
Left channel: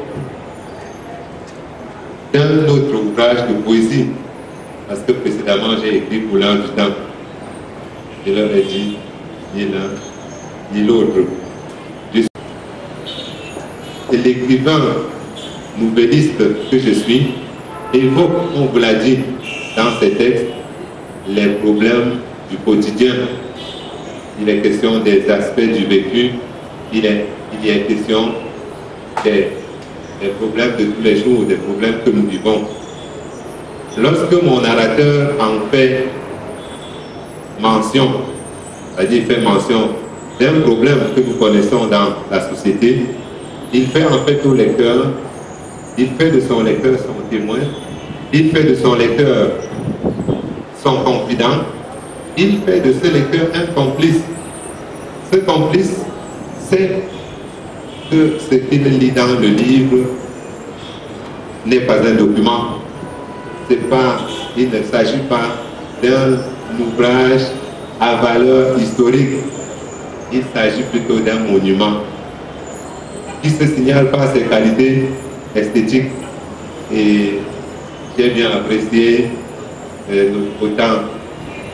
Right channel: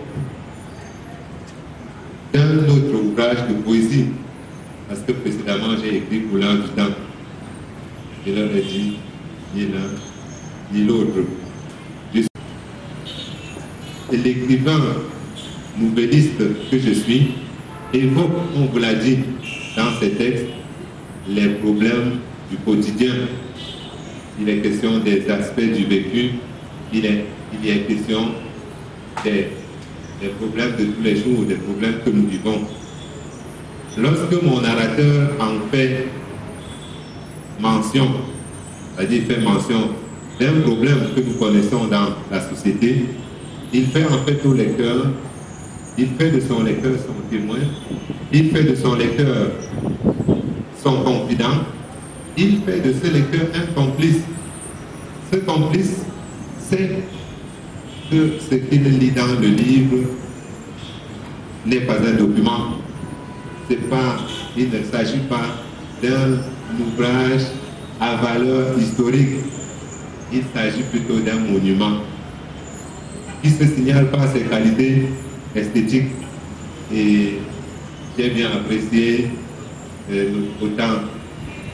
d'un autre ouvrage de poésie? Parce que précédemment, j'ai écrit pour l'an du temps. Je leur ai dit, ni l'un, ni l'autre. Et l'écrivain nouvelliste que je suis évoque, on vous l'a dit dans ces textes, les problèmes du quotidien. Il est question des aspects du vécu, il est question des problèmes de tous les jours, des problèmes que nous vivons. Lorsque mon narrateur en fait mention, c'est-à-dire il fait mention d'un problème que nous connaissons dans la société, il fait en fait au lecteur, il fait de son lecteur son témoin, il fait de son lecteur son confident, il fait de ce lecteur un complice. Ce complice sait que ce qu'il lit dans le livre n'est pas un document. Il ne s'agit pas d'un ouvrage à valeur historique. Il s'agit plutôt d'un monument qui se signale par ses qualités esthétiques. Et j'ai bien apprécié autant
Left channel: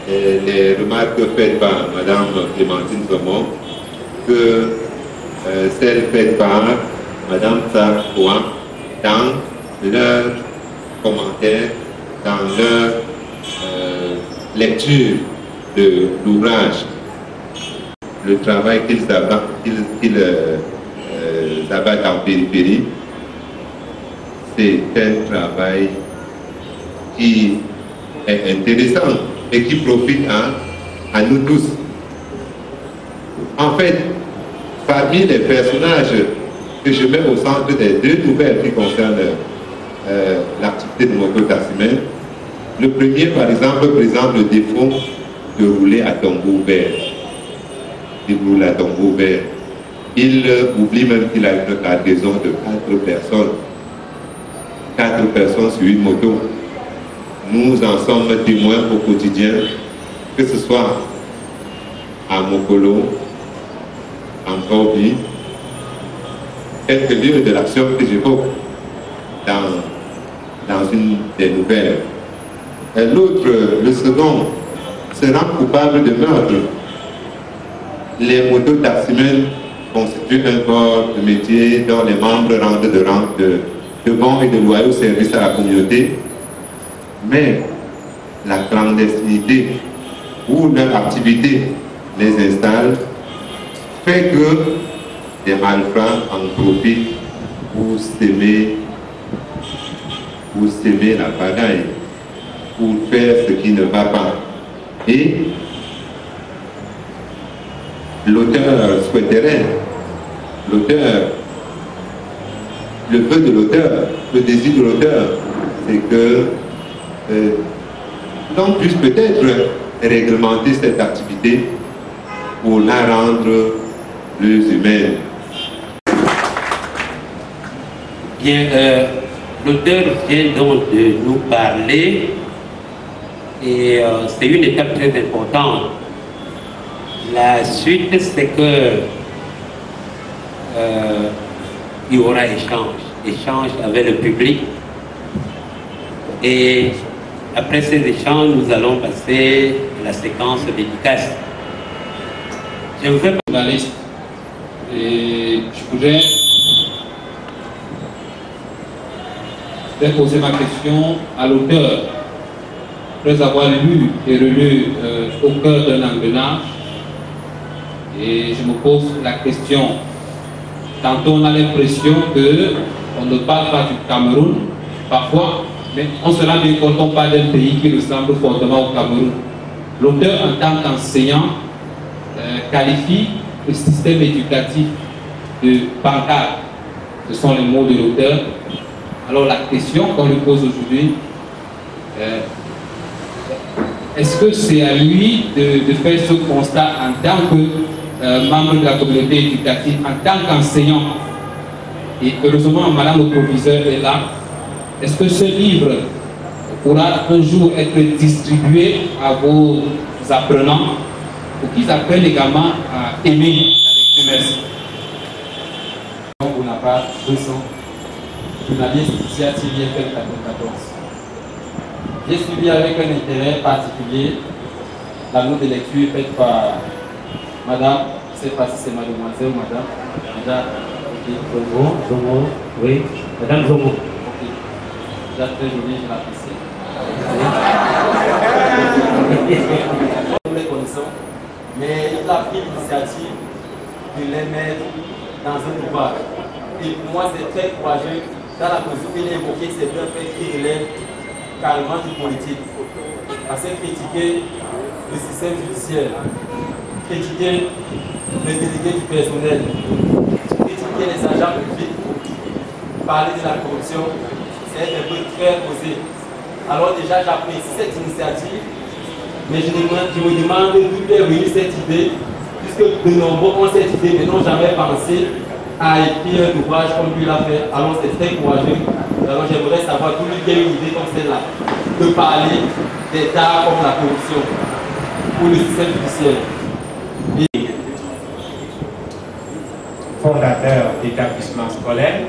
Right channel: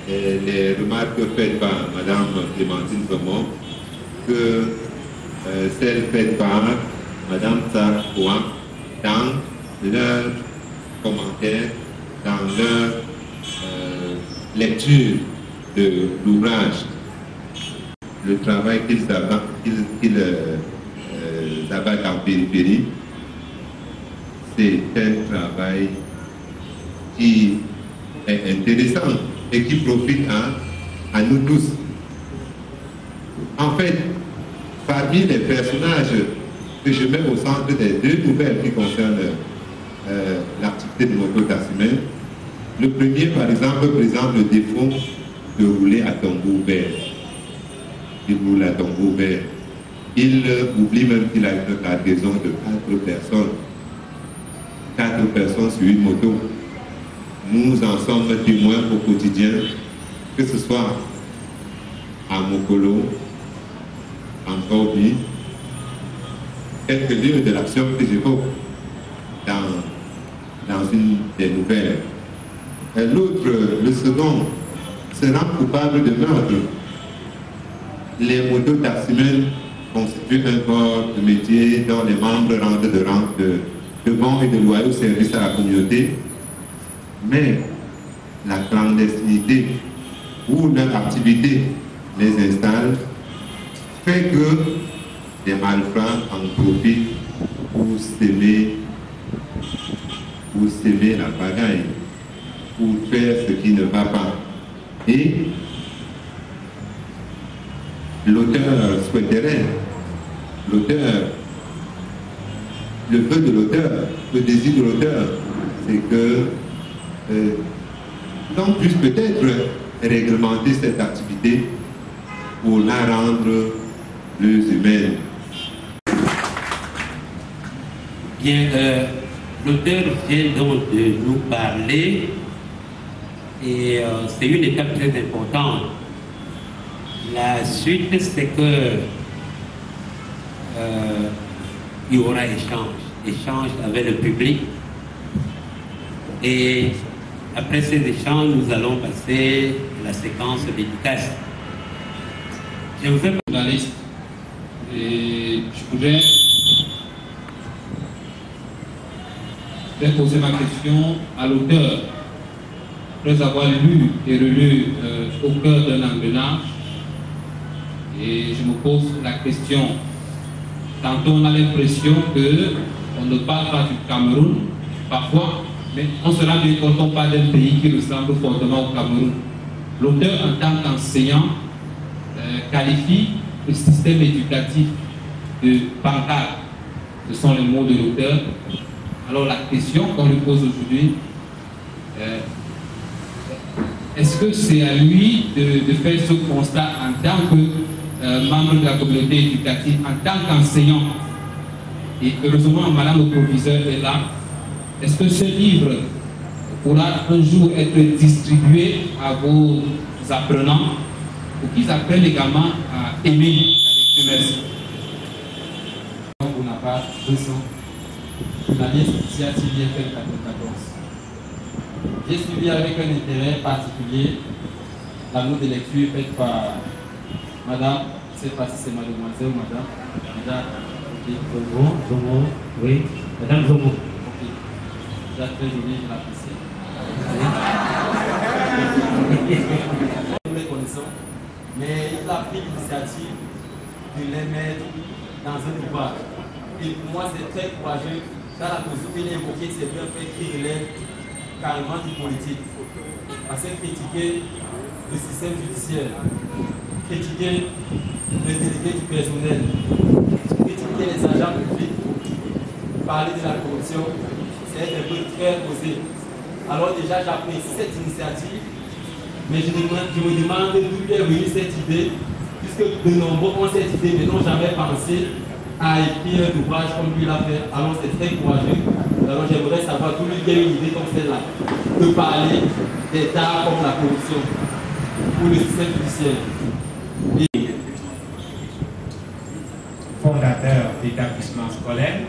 les remarques faites par Mme Clémentine Somon que celles faites par Mme Sarkoa dans leur commentaire, dans leur lecture de l'ouvrage. Le travail qu'ils abattent en périphérie, c'est un travail qui est intéressant et qui profite à nous tous. En fait, parmi les personnages que je mets au centre des deux nouvelles qui concernent l'activité de Mokotassimène, le premier, par exemple, présente le défaut de rouler à tombeau ouvert. Il roule à tombeau ouvert. Il oublie même qu'il a une cargaison de 4 personnes. 4 personnes sur une moto. Nous en sommes témoins au quotidien, que ce soit à Mokolo, en Corbi, quelques lieux de l'action que j'évoque dans une des nouvelles. L'autre, le second, se rend coupable de meurtre. Les motos taximènes constituent un corps de métier dont les membres rendent de bons et de loyaux services à la communauté, mais la clandestinité où leur activité les installe fait que des malfrats en profitent pour s'aimer la pagaille, pour faire ce qui ne va pas. Et l'auteur souhaiterait, le vœu de l'auteur, le désir de l'auteur, c'est que l'on puisse peut-être réglementer cette activité pour la rendre plus humaine. Bien, l'auteur vient donc de nous parler et c'est une étape très importante. La suite, c'est que il y aura échange avec le public. Et après ces échanges, nous allons passer à la séquence dédicace. Je vous fais journaliste et je voudrais vais poser ma question à l'auteur. Après avoir lu et relu Au cœur d'un engrenage, et je me pose la question. Tantôt on a l'impression qu'on ne parle pas du Cameroun, parfois, mais on se rend bien compte qu'on parle d'un pays qui ressemble fortement au Cameroun. L'auteur, en tant qu'enseignant, qualifie le système éducatif de bancard. Ce sont les mots de l'auteur. Alors la question qu'on lui pose aujourd'hui, est-ce que c'est à lui de faire ce constat en tant que membre de la communauté éducative, en tant qu'enseignant? Et heureusement, madame le proviseur est là. Est-ce que ce livre pourra un jour être distribué à vos apprenants pour qu'ils apprennent également à aimer la lecture? Merci. Pour la part 200, journaliste ici à TVFM 94. J'ai suivi avec un intérêt particulier la note de lecture faite par madame, je ne sais pas si c'est mademoiselle ou madame. Madame, Zomo, oui, madame Zomo. Ok. Déjà très jolie, je l'apprécie. Nous les connaissons, mais il a pris l'initiative de les mettre dans un ouvrage. Et pour moi, c'est très courageux dans la mesure où il a évoqué ces deux faits qui relèvent carrément du politique. Parce que critiquer le système judiciaire, critiquer les délégués du personnel, critiquer les agents publics, parler de la corruption, c'est un peu très posé. Alors déjà, j'apprécie cette initiative, mais je me demande d'où est venue cette idée, puisque de nombreux ont cette idée, mais n'ont jamais pensé à écrire un ouvrage comme lui l'a fait. Alors c'est très courageux. Alors j'aimerais savoir d'où il y a une idée comme celle-là, de parler des tares comme la corruption ou le système judiciaire. Fondateur d'établissement scolaire.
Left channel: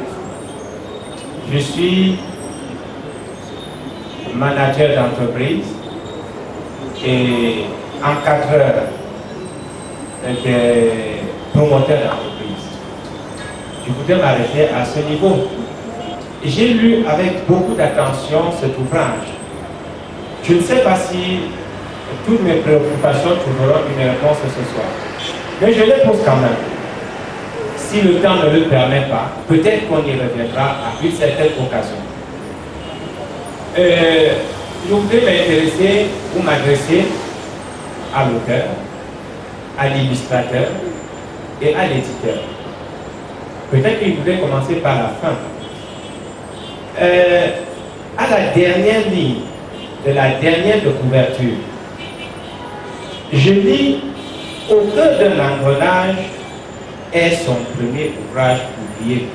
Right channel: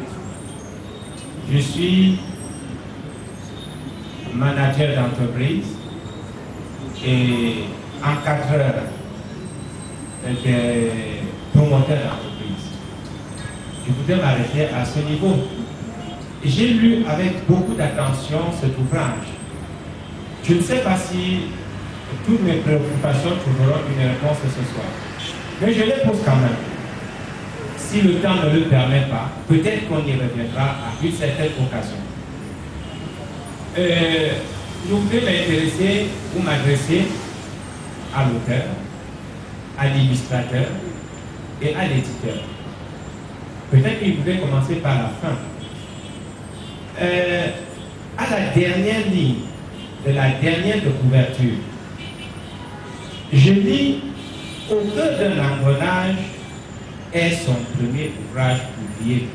Je suis manager d'entreprise et encadreur des promoteurs d'entreprise. Je voudrais m'arrêter à ce niveau. J'ai lu avec beaucoup d'attention cet ouvrage. Je ne sais pas si toutes mes préoccupations trouveront une réponse ce soir, mais je les pose quand même. Si le temps ne le permet pas, peut-être qu'on y reviendra à une certaine occasion. Je voudrais m'intéresser ou m'adresser à l'auteur, à l'illustrateur et à l'éditeur. Peut-être qu'il voudrait commencer par la fin. À la dernière ligne de la dernière de couverture, je lis Au cœur d'un engrenage est son premier ouvrage publié.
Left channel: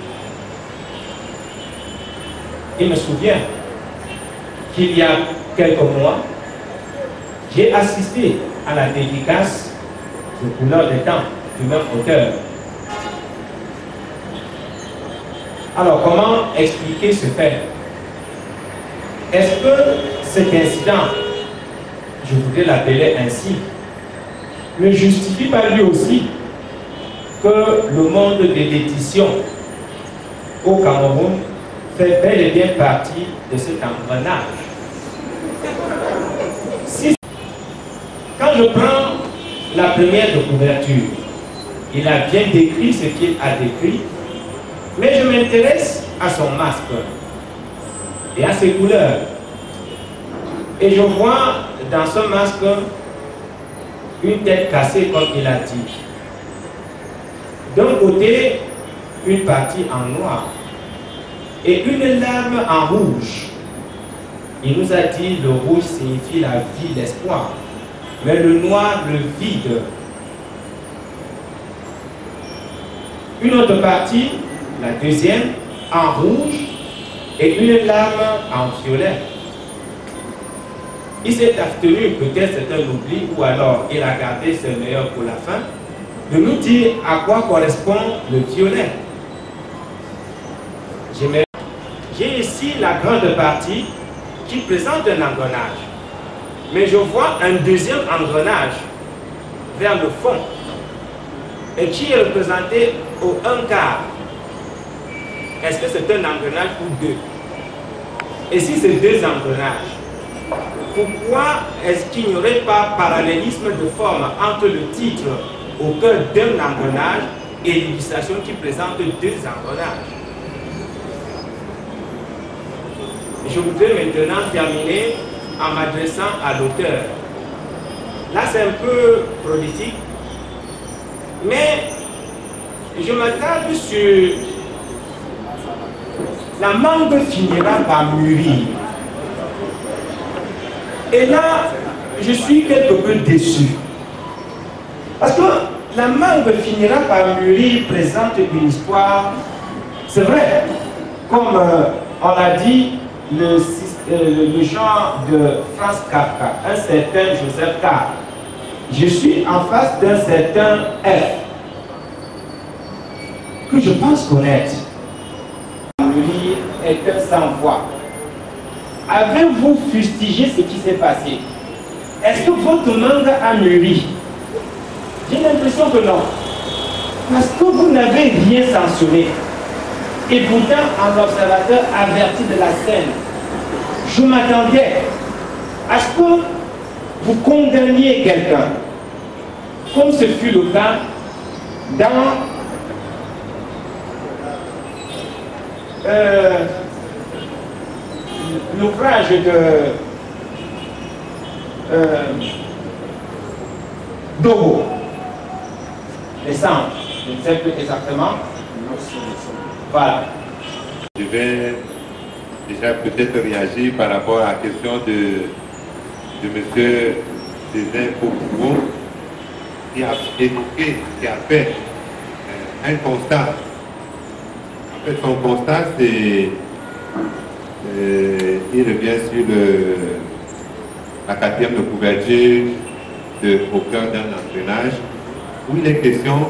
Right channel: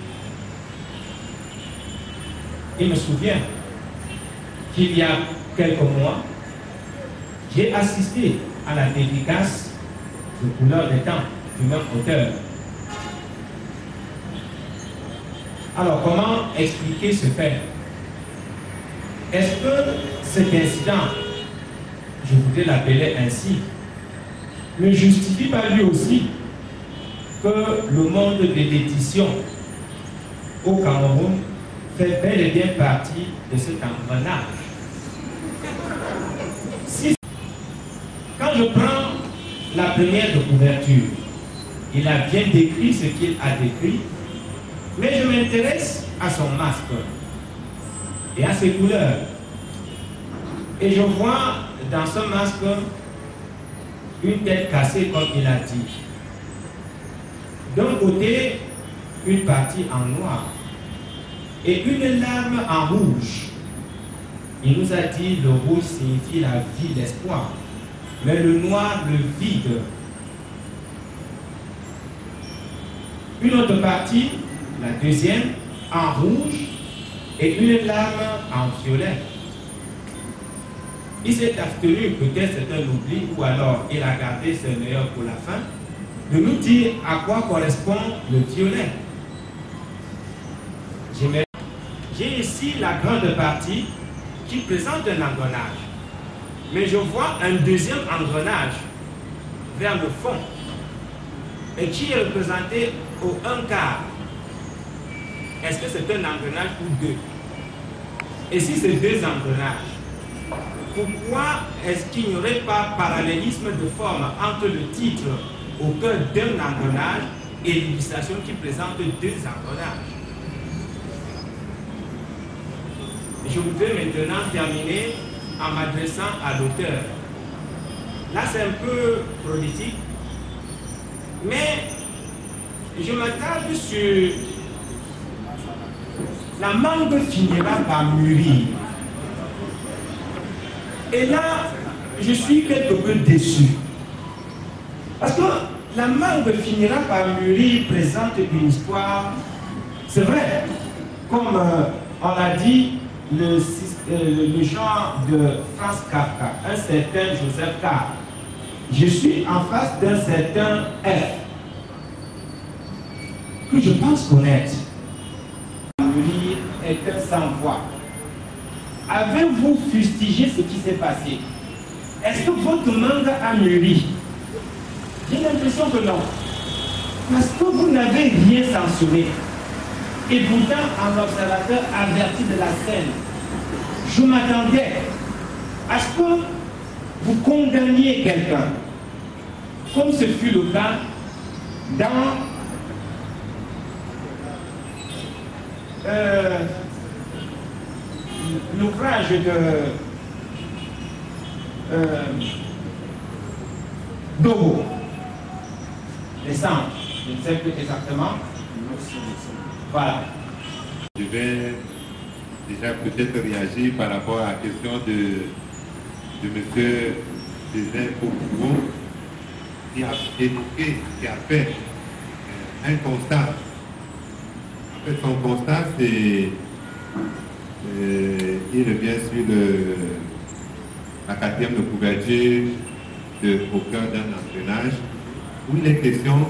Il me souvient qu'il y a quelques mois, j'ai assisté à la dédicace de Couleur des temps du même auteur. Alors, comment expliquer ce fait? Est-ce que cet incident, je voudrais l'appeler ainsi, ne justifie pas lui aussi que le monde de l'édition au Cameroun fait bel et bien partie de cet engrenage? Quand je prends la première de couverture, il a bien décrit ce qu'il a décrit, mais je m'intéresse à son masque et à ses couleurs. Et je vois dans ce masque une tête cassée, comme il a dit. D'un côté, une partie en noir et une lame en rouge. Il nous a dit le rouge signifie la vie, l'espoir, mais le noir, le vide. Une autre partie, la deuxième, en rouge et une lame en violet. Il s'est abstenu, peut-être c'est un oubli, ou alors il a gardé ce meilleur pour la fin, de nous dire à quoi correspond le violet. J'ai ici la grande partie qui présente un engrenage. Mais je vois un deuxième engrenage vers le fond et qui est représenté au 1/4. Est-ce que c'est un engrenage ou deux? Et si c'est deux engrenages, pourquoi est-ce qu'il n'y aurait pas parallélisme de forme entre le titre au cœur d'un engrenage et l'illustration qui présente deux engrenages? Je voudrais maintenant terminer en m'adressant à l'auteur. Là, c'est un peu prolifique, mais je m'attarde sur la mangue finira par mûrir. Et là, je suis quelque peu déçu. Parce que la mangue finira par mûrir présente une histoire, c'est vrai, comme on l'a dit, le genre de Franz Kafka, un certain Joseph K. Je suis en face d'un certain F, que je pense connaître. Mûrir est un sans-voix. Avez-vous fustigé ce qui s'est passé? Est-ce que votre mangue a mûri? J'ai l'impression que non. Parce que vous n'avez rien censuré. Et pourtant, en observateur averti de la scène, je m'attendais à ce que vous condamniez quelqu'un, comme ce fut le cas dans l'ouvrage de Dogo, les cendres, je ne sais plus exactement. Voilà. Je vais déjà peut-être réagir par rapport à la question de M. Césaire Popougo, qui a évoqué, qui a fait un constat. En fait, son constat, c'est il revient sur la 4e de couverture au cœur d'un engrenage, où il est question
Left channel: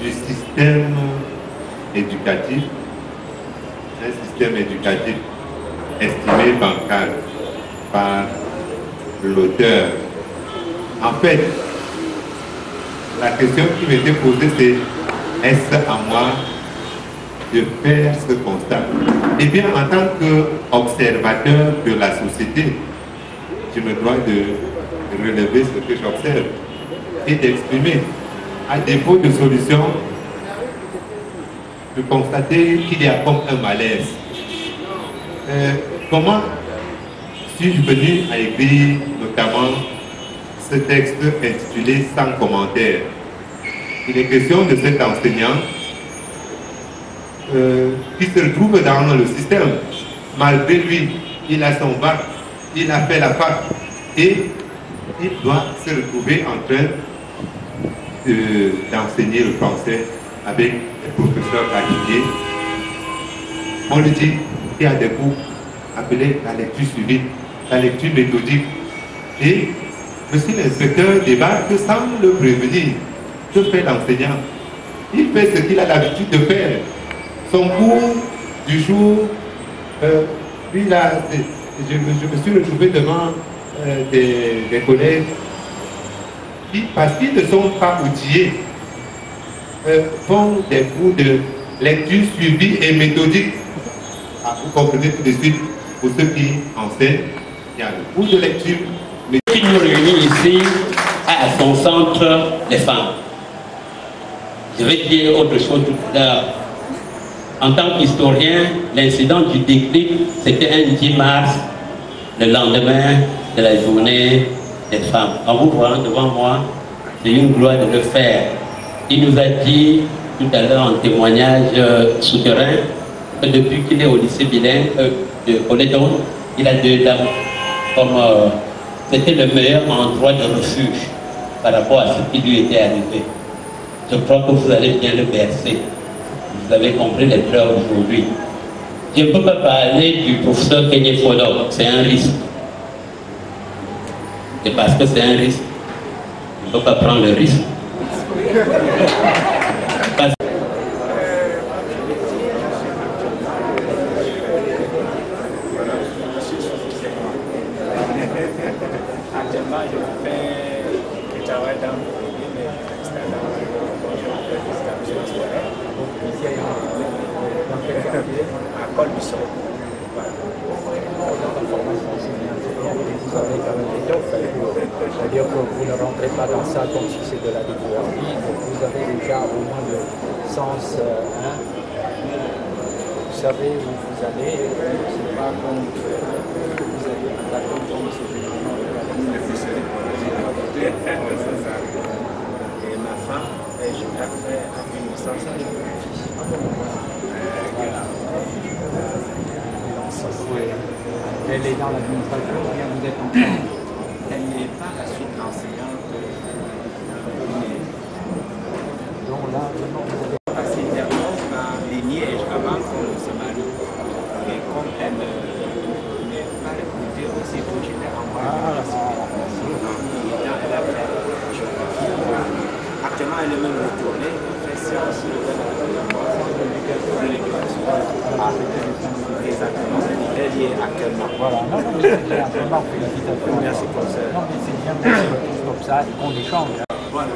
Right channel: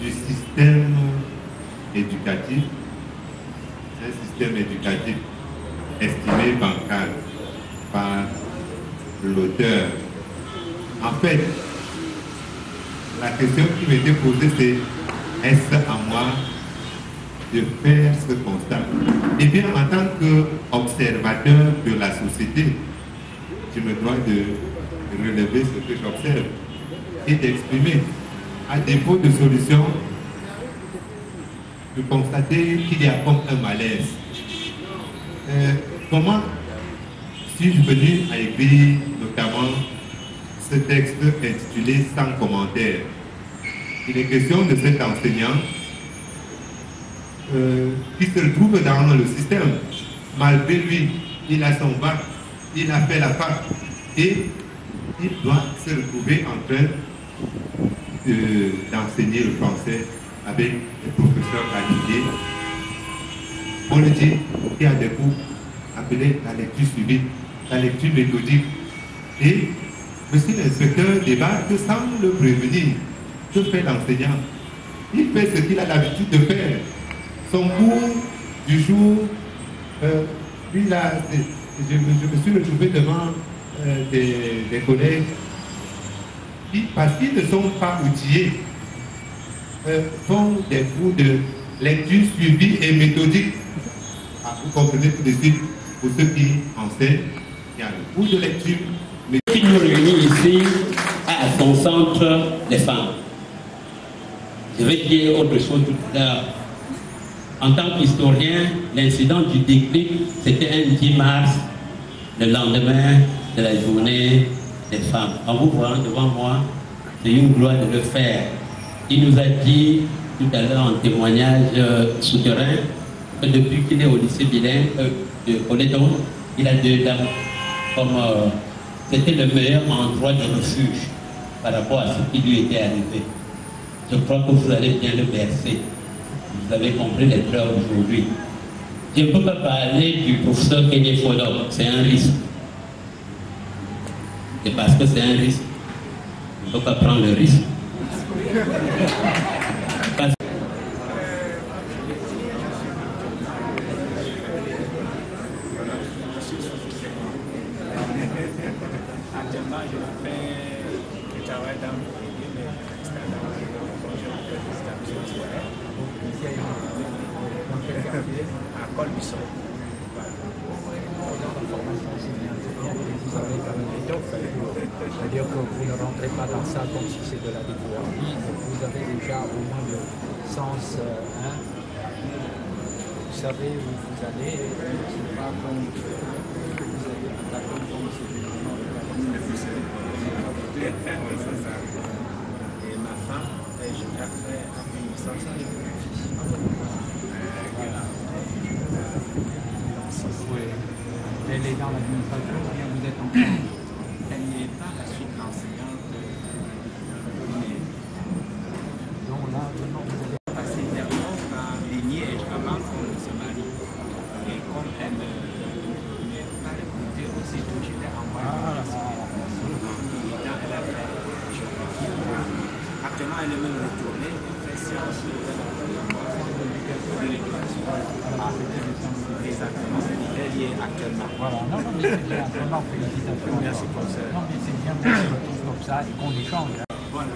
du système éducatif, un système éducatif estimé bancal par l'auteur. En fait, la question qui m'était posée, c'est est-ce à moi de faire ce constat? Eh bien, en tant qu'observateur de la société, je me dois de relever ce que j'observe et d'exprimer. À défaut de solution, de constater qu'il y a comme un malaise. Comment suis-je venu à écrire notamment ce texte intitulé « Sans commentaire ». Il est question de cet enseignant qui se retrouve dans le système. Malgré lui, il a son bac, il a fait la fac et il doit se retrouver en train d'enseigner le français avec les professeurs qualifiés. On lui dit qu'il y a des cours appelés la lecture suivie, la lecture méthodique. Et monsieur l'inspecteur débarque sans le prévenir. Que fait l'enseignant? Il fait ce qu'il a l'habitude de faire. Son cours du jour, lui là, je me suis retrouvé devant des collègues qui, parce qu'ils ne sont pas outillés, font des cours de lecture suivie et méthodique. Ah, vous comprenez tout de suite, pour ceux qui enseignent, il y a le cours de lecture. Ce qui nous réunit ici, à son centre, les femmes. Je vais dire autre chose tout à l'heure. En tant qu'historien, l'incident du déclic, c'était un 10 mars, le lendemain de la journée des femmes. En vous voyant devant moi, c'est une gloire de le faire. Il nous a dit tout à l'heure en témoignage souterrain que depuis qu'il est au lycée bilingue de Colédon, il a 2 dames. Comme c'était le meilleur endroit de refuge par rapport à ce qui lui était arrivé. Je crois que vous allez bien le bercer. Vous avez compris les pleurs aujourd'hui. Je ne peux pas parler du professeur Kenyé Fodo, c'est un risque. Et parce que c'est un risque, je ne peux pas prendre le risque. Parce... Actuellement, je fais du travail dans à Col du Sol. dire que vous ne rentrez pas dans ça comme si c'était de la découverte. Donc vous avez déjà au moins le sens, vous savez où vous allez, c'est pas comme vous allez attaquer comme c'est généralement et ma femme, je l'ai fait en 1900. Elle est dans l'administration, bien vous êtes encore. Elle n'est pas la suite enseignante. Donc là, vraiment, vous avez passé dernièrement à Liège avant qu'on se marie. Et comme elle n'est pas écoutée aussi, donc je l'ai envoyé à la suite. Elle a fait actuellement, elle est même retournée, elle fait séance de l'éducation. Exactement, elle y est actuellement. Voilà, non, mais c'est bien, vraiment, félicitations. Merci pour ça. Non, mais c'est bien qu'on se retrouve comme ça et qu'on échange. Voilà,